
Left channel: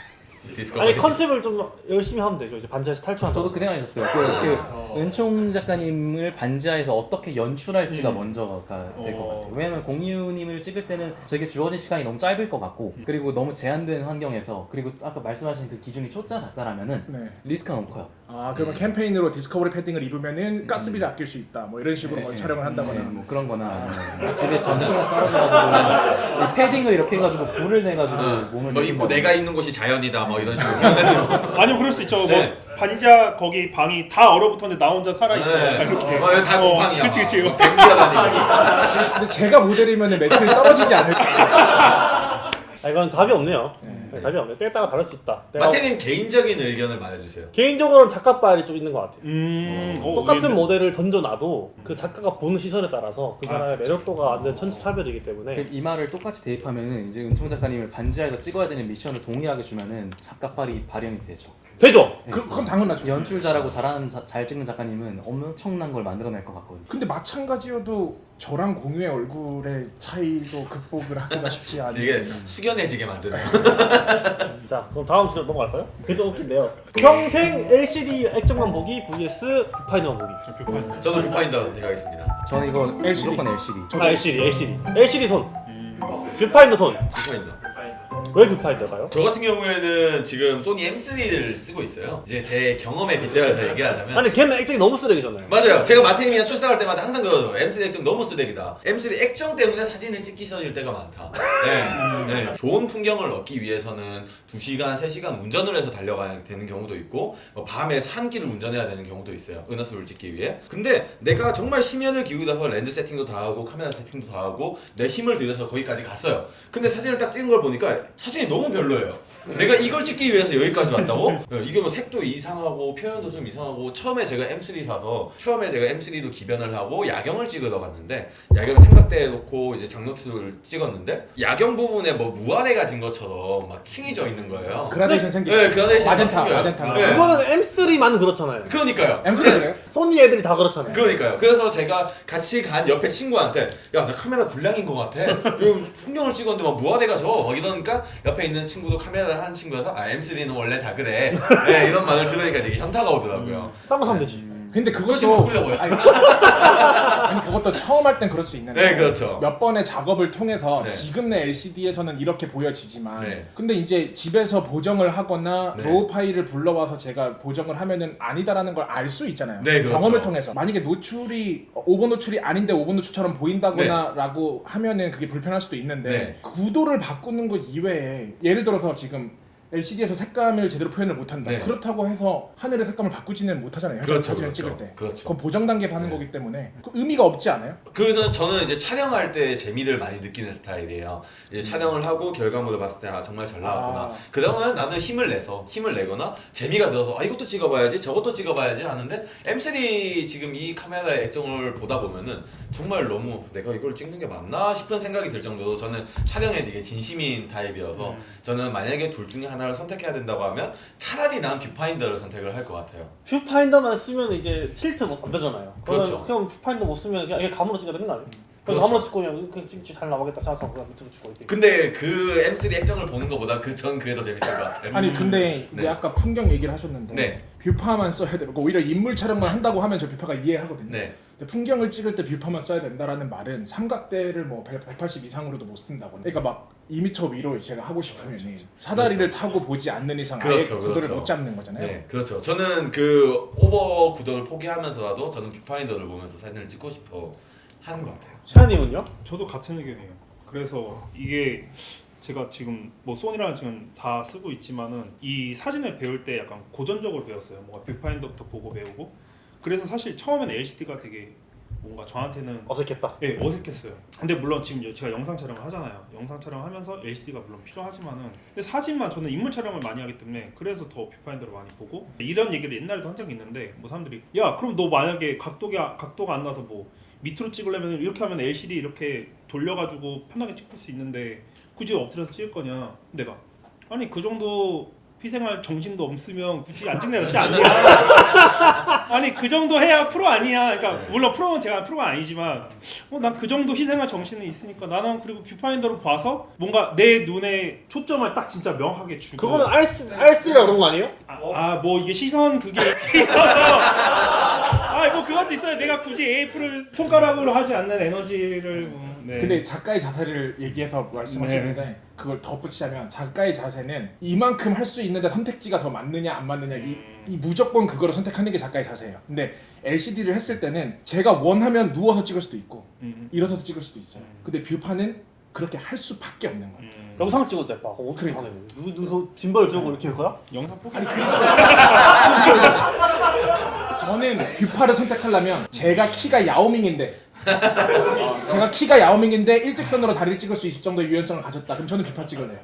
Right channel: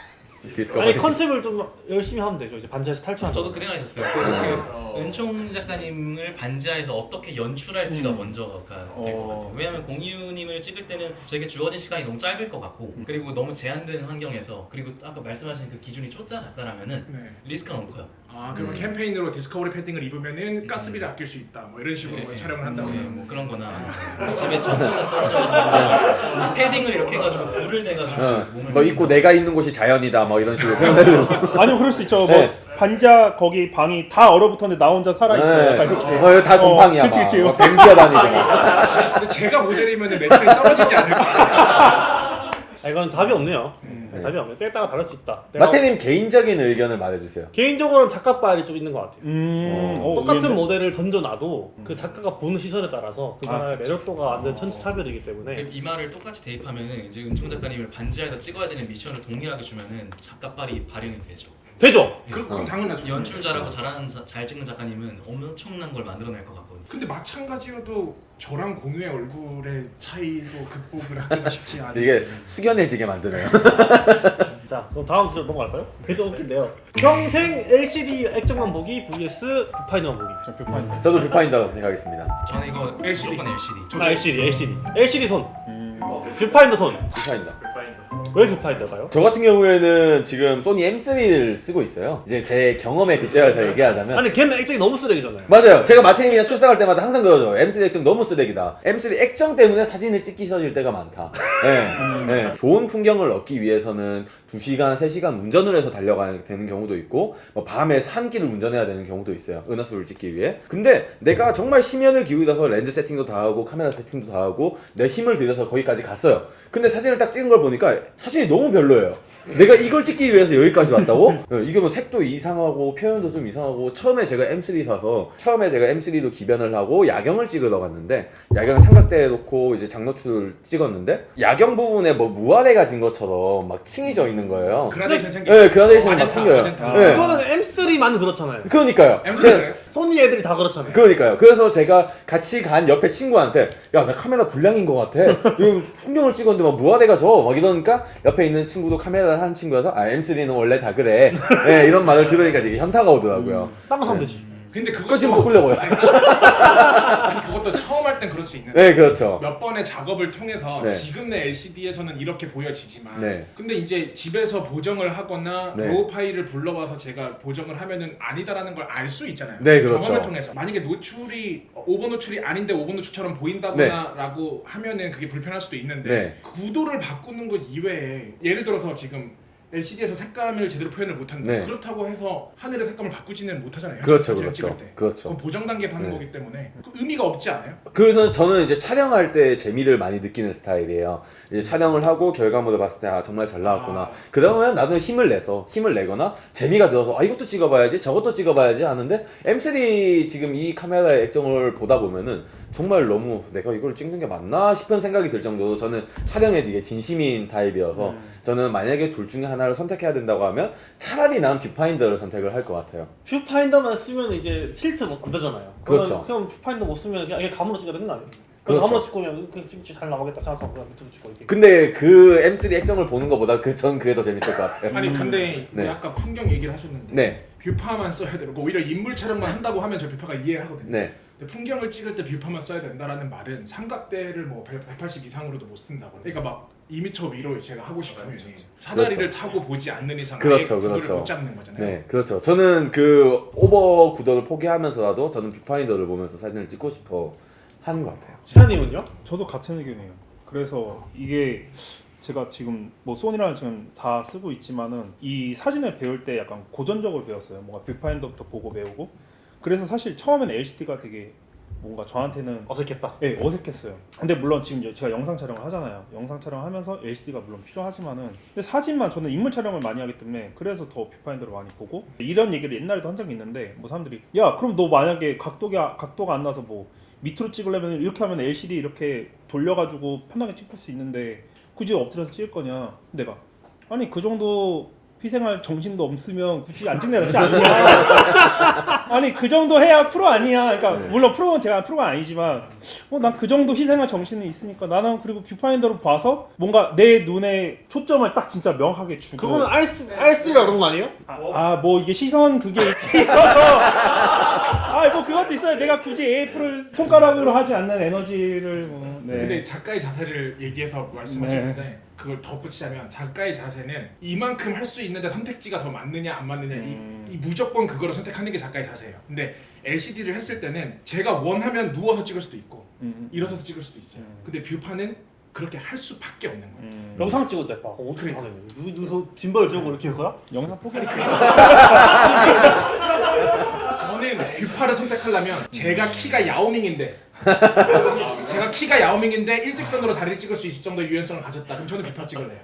아니 컨셉을 좀 열심히 하면 되죠. 이제 반지하에서 탈출한다. 저도 그 생각했었어요. 그 은총 작가님을 반지하에서 어떻게 연출할지가 먼저가 될 것 같아요. 왜냐면 공유님을 찍을 때는 저에게 주어진 시간이 너무 짧을 것 같고 그리고 너무 제한된 환경에서 그리고 아까 말씀하신 그 기준이 초짜 작가라면은 네. 리스크가 너무 커요. 아 그러면 캠페인으로 디스커버리 패딩을 입으면은 가스비를 아낄 수 있다. 뭐 이런 식으로 뭐 촬영을 한다거나. 뭐 그런 거나 집에 전기가 떨어져가지고 패딩을 이렇게 해가지고 불을 내가지고 몸을 뭐 입고 내가 있는 곳이 자연이다 뭐 이런 식으로 표현해도 아니요 그럴 수 있죠. 네. 뭐 반지하 거기 방이 다 얼어붙었는데 나 혼자 살아 있어. 약간 이렇게. 다 곰팡이야. 그치 그치. 뱀기가 다니고. 근데 제가 모델이면은 매출이 떨어지지 않을까? 아, 이건 답이 없네요. 네, 답이 없네요. 때에 따라 다를 수 있다. 내가 마태님 개인적인 의견을 말해주세요. 개인적으로는 작가빨이 좀 있는 것 같아요. 똑같은 의외인데? 모델을 던져놔도 그 작가가 보는 시선에 따라서 그 사람의 매력도가 완전 천차별이기 때문에 이 말을 똑같이 대입하면은 이제 은총 작가님을 반지하에서 찍어야 되는 미션을 동일하게 주면은 작가빨이 발현이 되죠. 되죠. 그건 당연하죠. 연출 잘하고 잘 찍는 작가님은 엄청난 걸 만들어낼 것 같거든요. 근데 마찬가지여도 저랑 공유의 얼굴의 차이도 극복을 하기가 쉽지 않아요. 이게 숙연해지게 만드네요. 자, 그럼 다음 주제로 넘어갈까요? 그게 좀 웃긴데요. 평생 LCD 액정만 보기 vs 뷰파인더만 보기. 저 뷰파인더. 저도 뷰파인더 선택하겠습니다. 저는 이거 LCD. 무조건 LCD. LCD 손. 뷰파인더 손. 뷰파인더. 왜 뷰파인더가요? 저 같은 경우에는 지금 소니 M3를 쓰고 있어요. 이제 제 경험에 근거해서 얘기하자면 아니 걔는 액정이 너무 쓰레기잖아요. 맞아요. 제가 마태님이랑 출사할 때마다 항상 그러죠. M3 액정 너무 쓰레기다. M3 액정 때문에 사진을 찍기 싫어질 때가 많다. 네. 좋은 풍경을 얻기 위해서는 2시간, 3시간 운전을 해서 달려가야 되는 경우도 있고 뭐 밤에 산길을 운전해야 되는 경우도 있어요. 은하수를 찍기 위해. 근데 내가 정말 심연을 기울여서 렌즈 세팅도 다 하고 카메라 세팅도 다 하고 내 힘을 들여서 거기까지 갔어요. 근데 사진을 딱 찍은 걸 보니까 사진이 너무 별로예요. 내가 이걸 찍기 위해서 여기까지 왔다고? 이게 뭐 색도 이상하고 표현도 좀 이상하고 처음에 제가 M3 사서 처음에 제가 M3로 기변을 하고 야경을 찍으러 갔는데 야경 삼각대에 놓고 이제 장노출을 찍었는데 야경 부분에 뭐 무화대가 진 것처럼 막 층이 져 있는 거예요. 그라데이션 생기죠. 네, 그라데이션 마젠타, 생겨요. 마젠타. 네. 그거는 M3만 그렇잖아요. 그러니까요. M3 그래요? 소니 애들이 다 그렇잖아요. 그러니까요. 그래서 제가 같이 간 옆에 친구한테 야, 나 카메라 불량인 것 같아. 이거 풍경을 찍었는데 막 무화대가 져. 막 이러니까 옆에 있는 친구도 카메라를 하는 친구여서 아, M3는 원래 다 그래. 네, 이런 말을 들으니까 되게 현타가 오더라고요. 딴 거 사면 되지. 근데 그거 그것도 지금 바꾸려 보여. 아니 그것도 처음 할 땐 그럴 수 있는데 네, 그렇죠. 몇 번의 작업을 통해서 네. 지금 내 LCD에서는 이렇게 보여지지만 네. 근데 이제 집에서 보정을 하거나 네. 로우 파일을 불러와서 제가 보정을 하면은 아니다라는 걸 알 수 있잖아요. 네, 그렇죠. 경험을 통해서 만약에 노출이 오버 노출이 아닌데 오버 노출처럼 보인다거나 라고 하면은 그게 불편할 수도 있는데 네. 구도를 바꾸는 것 이외에 예를 들어서 지금 LCD에서 색감을 제대로 표현을 못한다. 네. 그렇다고 해서 하늘의 색감을 바꾸지는 못하잖아요. 그렇죠, 사진을 그렇죠. 찍을 때. 그렇죠. 그건 보정 단계에서 하는 네. 거기 때문에 그 의미가 없지 않아요? 저는 이제 촬영할 때 재미를 많이 느끼는 스타일이에요. 이제 촬영을 하고 결과물을 봤을 때 아, 정말 잘 나왔구나. 그러면 나는 힘을 내거나 재미가 들어서 아, 이것도 찍어봐야지 저것도 찍어봐야지 하는데 M3 지금 이 카메라의 액정을 보다 보면은 정말 너무 내가 이걸 찍는 게 맞나 싶은 생각이 들 정도로 저는 촬영에 되게 진심인 타입이어서 저는 만약에 둘 중에 하나를 선택해야 된다고 하면 차라리 난 뷰파인더를 선택을 할 것 같아요. 뷰파인더만 쓰면 이제 틸트 안 되잖아요. 그렇죠. 그럼 뷰파인더 못 쓰면 그냥 감으로 찍어야 되는 거 아니에요? 그렇죠. 감으로 찍고 그냥 찍지 잘 나오겠다 생각하고 그냥 밑으로 찍고 이렇게. 근데 그 M3 액정을 보는 것보다 전 그게 더 재밌을 것 같아요. 아니 근데 네. 이제 아까 풍경 얘기를 하셨는데 네. 뷰파만 써야 되고 오히려 인물 촬영만 한다고 하면 저 뷰파가 이해하거든요. 네. 근데 풍경을 찍을 때 뷰파만 써야 된다라는 말은 삼각대를 뭐 180 이상으로도 못 쓴다거나. 그러니까 막 2m 위로 제가 하고 싶으면 사다리를 타고 보지 않는 이상 아예 그렇죠, 구도를 그렇죠. 못 잡는 거잖아요. 네, 그렇죠. 저는 그 오버 구도를 포기하면서라도 저는 뷰파인더를 보면서 사진을 찍고 싶어 하는 것 같아요. 시아님은요? 저도 같은 의견이에요. 그래서 이게 제가 지금 뭐 소니랑 지금 다 쓰고 있지만은 이 사진을 배울 때 약간 고전적으로 배웠어요. 뭔가 뷰파인더부터 보고 배우고. 그래서 사실 처음에는 LCD가 되게 뭔가 저한테는 어색했다. 네, 어색했어요. 근데 물론 지금 제가 영상 촬영을 하잖아요. 영상 촬영하면서 LCD가 물론 필요하지만은 근데 사진만 저는 인물 촬영을 많이 하기 때문에 그래서 더 뷰파인더를 많이 보고 이런 얘기를 옛날에도 한 적이 있는데 뭐 사람들이 야 그럼 너 만약에 각도가 안 나서 뭐 밑으로 찍으려면 이렇게 하면 LCD 이렇게 돌려가지고 편하게 찍을 수 있는데 굳이 엎드려서 찍을 거냐? 내가 아니 그 정도 희생할 정신도 없으면 굳이 안 찍는 게 낫지 않냐? 아니 그 정도 해야 프로 아니야. 그러니까 물론 프로는 제가 프로가 아니지만 난 그 정도 희생할 정신은 있으니까 나는 그리고 뷰파인더로 봐서 뭔가 내 눈에 초점을 딱 진짜 명확하게 주고 그거는 R3라 그런 거 아니에요? 뭐 이게 시선 그게 뭐 그것도 있어요. 내가 굳이 AF를 손가락으로 하지 않는 에너지를 네. 근데 작가의 자세를 얘기해서 말씀하셨는데 그걸 덧붙이자면 작가의 자세는 이만큼 할 수 있는데 선택지가 더 맞느냐 안 맞느냐 이 무조건 그거를 선택하는 게 작가의 자세예요. 근데 LCD를 했을 때는 제가 원하면 누워서 찍을 수도 있고 일어서서 찍을 수도 있어요. 근데 뷰파는 그렇게 할 수밖에 없는 거예요. 영상 찍을 때 봐. 어떻게 하네. 누구 짐벌 들고 이렇게 할 거야? 영상 포기 아니 그리고 저는 뷰파를 선택하려면 제가 키가 야오밍인데 제가 키가 야오밍인데 일직선으로 다리를 찍을 수 있을 정도의 유연성을 가졌다. 그럼 저는 비파 찍을래요.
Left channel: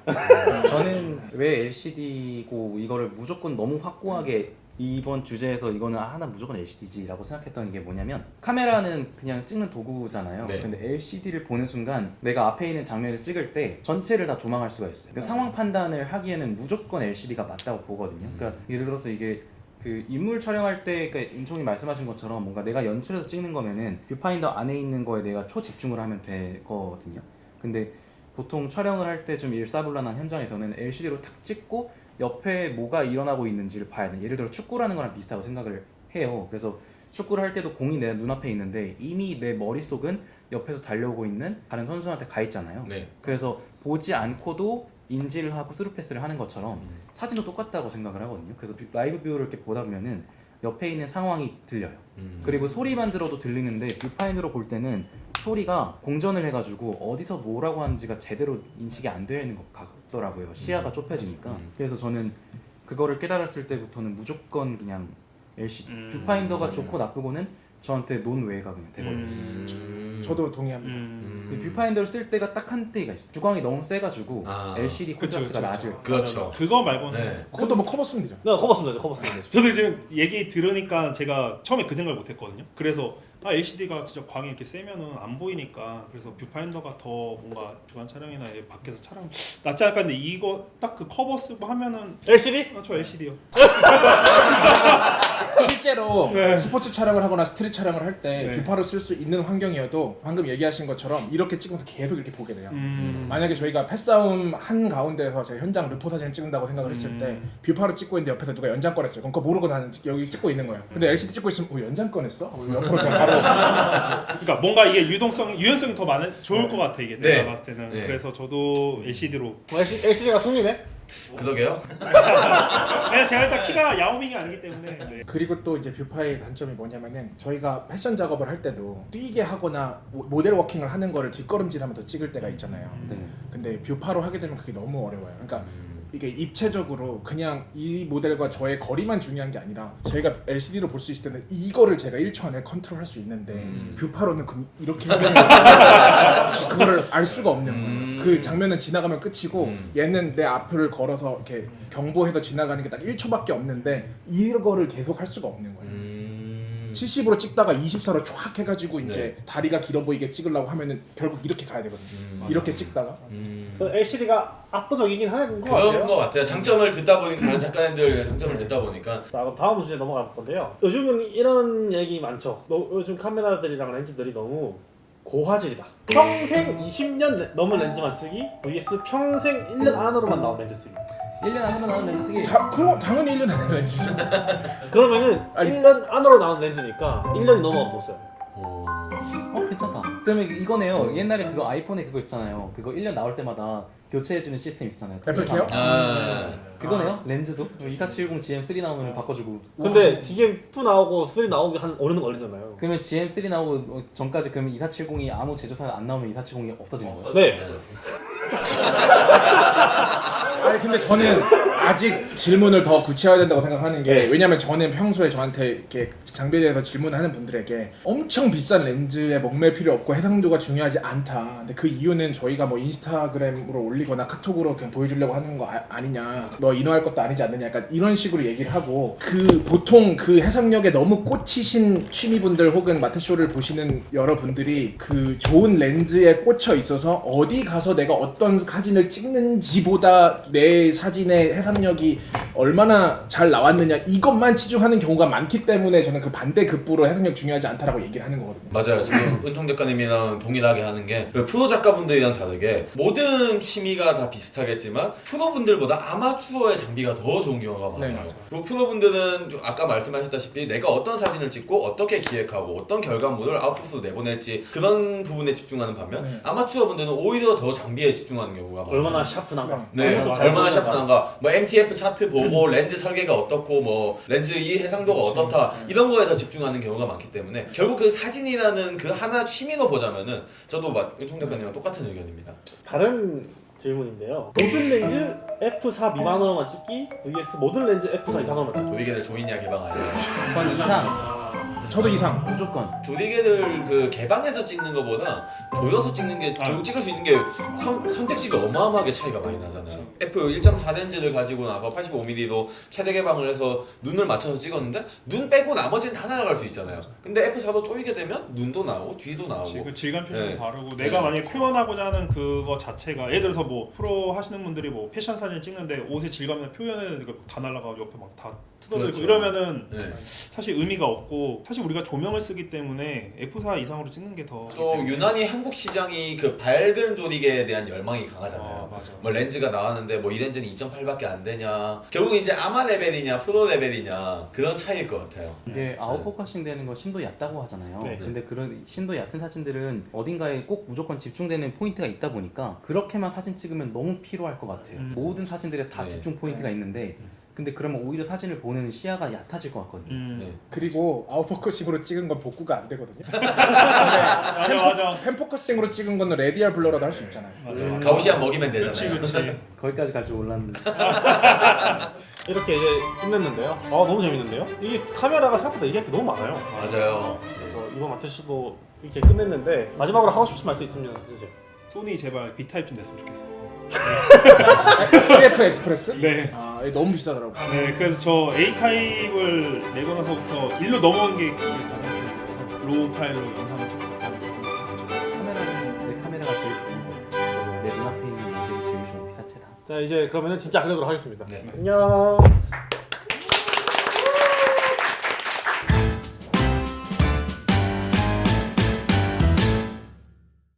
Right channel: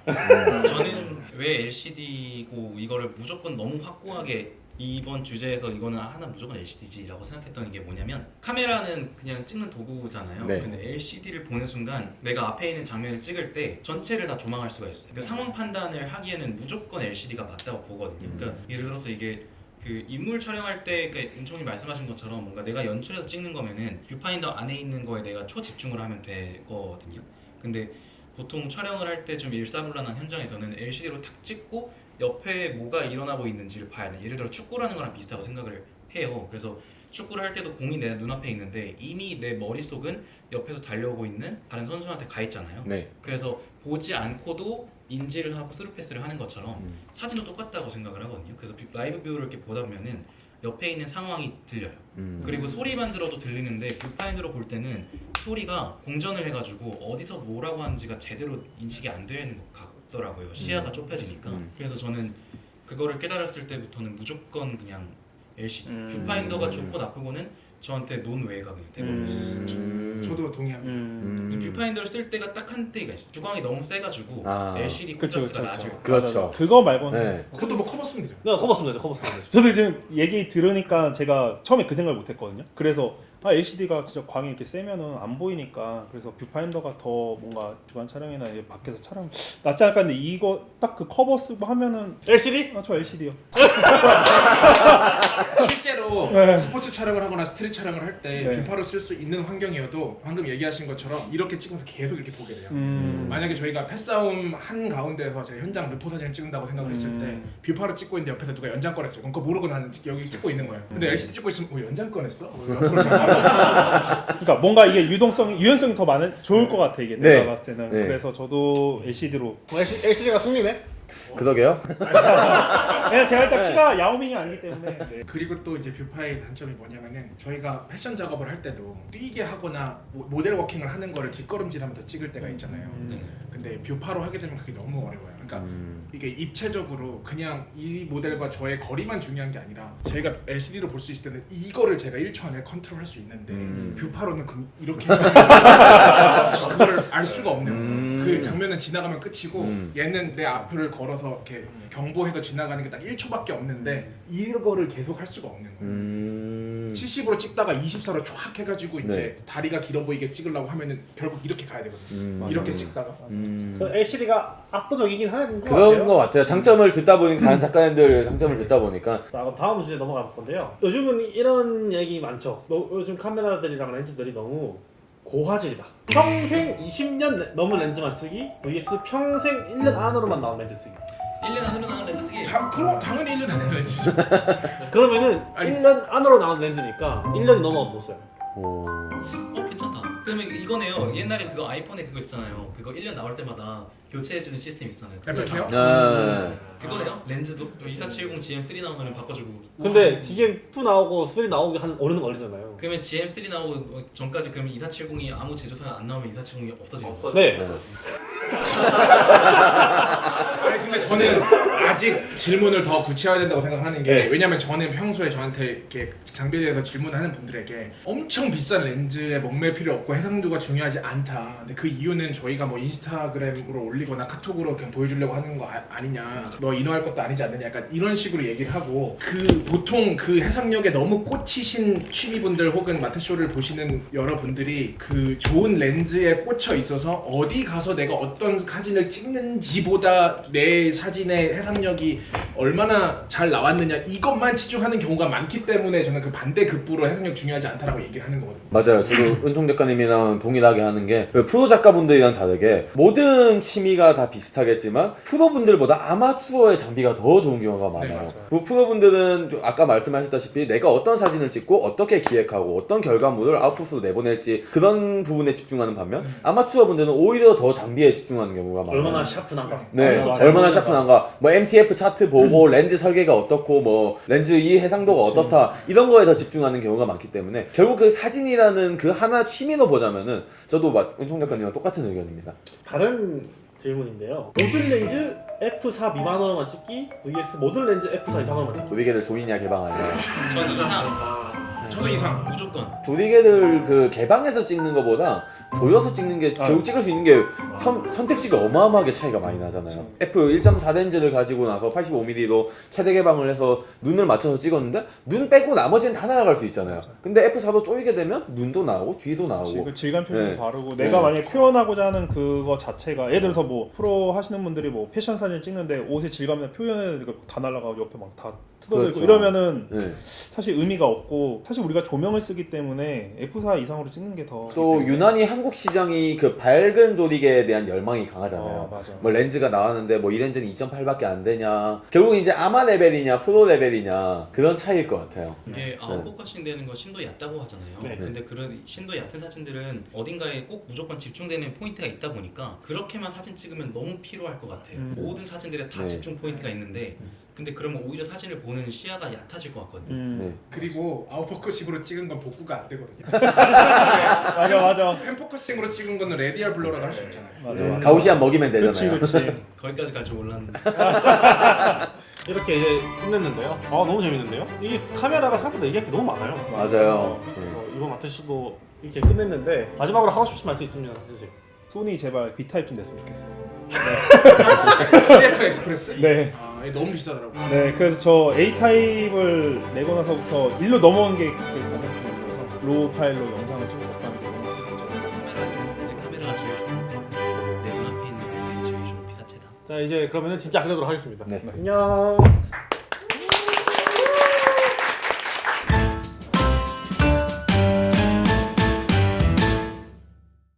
저는 왜 LCD고 이거를 무조건 너무 확고하게 이번 주제에서 이거는 하나 무조건 LCD지라고 생각했던 게 뭐냐면 카메라는 그냥 찍는 도구잖아요. 네. 근데 LCD를 보는 순간 내가 앞에 있는 장면을 찍을 때 전체를 다 조망할 수가 있어요. 그 상황 판단을 하기에는 무조건 LCD가 맞다고 보거든요. 그러니까 예를 들어서 이게 그 인물 촬영할 때, 그러니까 윤총님 말씀하신 것처럼 뭔가 내가 연출해서 찍는 거면은 뷰파인더 안에 있는 거에 내가 초집중을 하면 되거든요. 근데 보통 촬영을 할 때 좀 일사불란한 현장에서는 LCD로 탁 찍고 옆에 뭐가 일어나고 있는지를 봐야 돼. 예를 들어 축구라는 거랑 비슷하다고 생각을 해요. 그래서 축구를 할 때도 공이 내 눈앞에 있는데 이미 내 머릿속은 옆에서 달려오고 있는 다른 선수한테 가 있잖아요. 네. 그래서 보지 않고도 인지를 하고 스루 패스를 하는 것처럼 사진도 똑같다고 생각을 하거든요. 그래서 라이브 뷰를 이렇게 보다 보면은 옆에 있는 상황이 들려요. 그리고 소리만 들어도 들리는데 뷰파인으로 볼 때는 소리가 공전을 해가지고 어디서 뭐라고 하는지가 제대로 인식이 안 되는 것 같더라고요. 시야가 좁혀지니까. 그래서 저는 그거를 깨달았을 때부터는 무조건 그냥 LCD 뷰파인더가 좋고 나쁘고는 저한테 논외가 그냥 돼버렸어요. 저도 동의합니다. 근데 뷰파인더를 쓸 때가 딱 한 때가 있어. 주광이 너무 세가지고 아. LCD 그쵸, 콘트라스트가 그쵸, 낮아요. 그렇죠. 그거 말고는 네. 그것도 뭐 커버 쓰면 되죠. 네, 커버 쓰면 되죠. 커버 쓰면 되죠. 저도 지금 얘기 들으니까 제가 처음에 그 생각을 못했거든요. 그래서 LCD가 진짜 광이 이렇게 세면은 안 보이니까 그래서 뷰파인더가 더 뭔가 주간 촬영이나 이제 밖에서 촬영 낫지 않을까 했는데 이거 딱 그 커버 쓰고 하면은 LCD? 저 LCD요. 실제로 네. 스포츠 촬영을 하거나 스트릿 촬영을 할 때 네. 뷰파로 쓸 수 있는 환경이어도 방금 얘기하신 것처럼 이렇게 찍으면서 계속 이렇게 보게 돼요. 만약에 저희가 패싸움 한 가운데서 제가 현장 르포 사진을 찍는다고 생각을 했을 때 뷰파로 찍고 있는데 옆에서 누가 연장권 했어요. 그럼 그거 모르고 나는 여기 찍고 있는 거예요. 근데 LCD 찍고 있으면 연장권 했어? 옆으로 그냥 바로 그러니까 뭔가 이게 유연성이 더 많은 좋을 것 같아 이게 네. 내가 봤을 때는. 네. 그래서 저도 LCD로. LCD가 승리네? 그러게요. 왜냐 제가 일단 키가 야오밍이 아니기 때문에. 네. 그리고 또 이제 뷰파의 단점이 뭐냐면은 저희가 패션 작업을 할 때도 뛰게 하거나 모델 워킹을 하는 거를 뒷걸음질하면서 찍을 때가 있잖아요. 근데 뷰파로 하게 되면 그게 너무 어려워요. 그러니까 이게 입체적으로 그냥 이 모델과 저의 거리만 중요한 게 아니라 저희가 LCD로 볼 수 있을 때는 이거를 제가 1초 안에 컨트롤할 수 있는데 뷰파로는 이렇게 그거를 알 수가 없는 거예요. 그 장면은 지나가면 끝이고 얘는 내 앞을 걸어서 이렇게 경보해서 지나가는 게 딱 1초밖에 없는데 이거를 계속 할 수가 없는 거예요. 70으로 찍다가 24로 쫙 해가지고 이제 다리가 길어 보이게 찍으려고 하면은 결국 이렇게 가야 되거든요. 이렇게 찍다가 그래서 LCD가 압도적이긴 한 것 그런 같아요. 것 같아요. 장점을 듣다 보니까 다른 작가님들의 장점을 듣다 보니까 자, 그럼 다음 주제 넘어갈 건데요. 요즘은 이런 얘기 많죠. 요즘 카메라들이랑 렌즈들이 너무 고화질이다. 평생 20년 넘은 렌즈만 쓰기 vs 평생 1년 안으로만 나온 렌즈 쓰기. 1년 안으로 나온 렌즈 쓰기. 그럼 당연히 1년 안에 렌즈죠. 그러면은 아니. 1년 안으로 나온 렌즈니까 1년이 넘어가면 못 써요. 괜찮다. 그러면 이거네요. 옛날에 그거 아이폰에 그거 있잖아요. 그거 1년 나올 때마다 교체해주는 시스템 있잖아요. 애플케어? 그거네요. 렌즈도 2470 GM3 나오면 바꿔주고. 근데 GM2 나오고 3 나오기 한 어느 걸리잖아요. 그러면 GM3 나오고 전까지 그러면 2470이 아무 제조사가 안 나오면 2470이 없어지는 거예요. 네. 아니 근데 저는 아직 질문을 더 구체화해야 된다고 생각하는 게 왜냐면 저는 평소에 저한테 이렇게 장비에 대해서 질문하는 분들에게 엄청 비싼 렌즈에 목맬 필요 없고 해상도가 중요하지 않다. 근데 그 이유는 저희가 뭐 인스타그램으로 올리거나 카톡으로 그냥 보여주려고 하는 거 아니냐. 너 인화할 것도 아니지 않느냐. 약간 이런 식으로 얘기를 하고 그 보통 그 해상력에 너무 꽂히신 취미분들 혹은 마테쇼를 보시는 여러분들이 그 좋은 렌즈에 꽂혀 있어서 어디 가서 내가 어떤 사진을 찍는지보다 내 사진의 해상력이 얼마나 잘 나왔느냐 이것만 치중하는 경우가 많기 때문에 저는 그 반대급부로 해상력 중요하지 않다라고 얘기를 하는 거거든요. 맞아요. 지금 은통 작가님이랑 동일하게 하는 게 프로 작가분들이랑 다르게 모든 취미가 다 비슷하겠지만 프로분들보다 아마추어의 장비가 더 좋은 경우가 많아요. 네, 맞아요. 그리고 프로분들은 아까 말씀하셨다시피 내가 어떤 사진을 찍고 어떻게 기획하고 어떤 결과물을 아웃풋으로 내보낼지 그런 부분에 집중하는 반면 아마추어분들은 오히려 더 장비에 집중하는 경우가 많아요. 얼마나 샤프한가. 네, 그래서 잘 얼마나 보이는가. 샤프한가. 뭐 MTF 차트 보고 렌즈 설계가 어떻고 뭐 렌즈 이 해상도가 그치. 어떻다 이런 거에 더 집중하는 경우가 많기 때문에 결국 그 사진이라는 그 하나 취미로 보자면은 저도 은총 작가님과 똑같은 의견입니다. 다른 질문인데요. 모든 렌즈 f4 미만으로만 찍기 vs 모든 렌즈 f4 이상으로만 찍기. 조이개를 조이냐 개방하냐. 전 이상. 저도 이상. 무조건. 조리개를 그 개방해서 찍는 것보다 조여서 찍는 게 결국 찍을 수 있는 게 선택지가 어마어마하게 차이가 많이 나잖아요. F 1.4 렌즈를 가지고 나서 85mm로 최대 개방을 해서 눈을 맞춰서 찍었는데 눈 빼고 나머지는 다 날아갈 수 있잖아요. 근데 F4로 조이게 되면 눈도 나오고 뒤도 나오고. 그 질감 표시도 네. 다르고 네. 내가 만약에 표현하고자 하는 그거 자체가 예를 들어서 뭐 프로 하시는 분들이 뭐 패션 사진 찍는데 옷의 질감이나 표현을 다 날라가고 옆에 막 다 뜯어져 있고 그렇죠. 이러면은 네. 사실 의미가 없고 사실 우리가 조명을 쓰기 때문에 F4 이상으로 찍는 게 더 또 유난히 한국 시장이 그 밝은 조리개에 대한 열망이 강하잖아요. 맞아. 뭐 렌즈가 나왔는데 뭐 이 렌즈는 2.8밖에 안 되냐. 결국 이제 아마 레벨이냐 프로 레벨이냐 그런 차이일 것 같아요. 이게 아웃포커싱 되는 거 심도 얕다고 하잖아요. 네. 근데 그런 심도 얕은 사진들은 어딘가에 꼭 무조건 집중되는 포인트가 있다 보니까 그렇게만 사진 찍으면 너무 피로할 것 같아요. 모든 사진들에 다 네. 집중 포인트가 있는데 근데 그러면 오히려 사진을 보는 시야가 얕아질 것 같거든요. 네. 그리고 아웃포커싱으로 찍은 건 복구가 안 되거든요. 맞아. 펜포커싱으로 찍은 거는 레디알 블러라도 할 수 있잖아요. 맞아. 가우시안 먹이면 되잖아요. 그치. 거기까지 갈 줄 몰랐는데. 이렇게 이제 끝냈는데요. 너무 재밌는데요. 이게 카메라가 생각보다 얘기할 게 너무 많아요. 맞아요. 그래서 이번 마테쇼도 이렇게 끝냈는데 마지막으로 하고 싶으신 말씀 있으면 해주세요. 소니 제발 B 타입 좀 냈으면 좋겠어. CF 엑스프레스? 네. 아, 이게 너무 비싸더라고. 네, 그래서 저 A 타입을 내고 나서부터 일로 넘어온 게 그게 가장 중요해서 로우 파일로 영상을 찍었었다는 게 내 카메라가 제일 좋고 내 눈앞에 있는 게 제일 좋은 피사체다. 자 이제 그러면은 진짜 끝내도록 하겠습니다. 네. 안녕.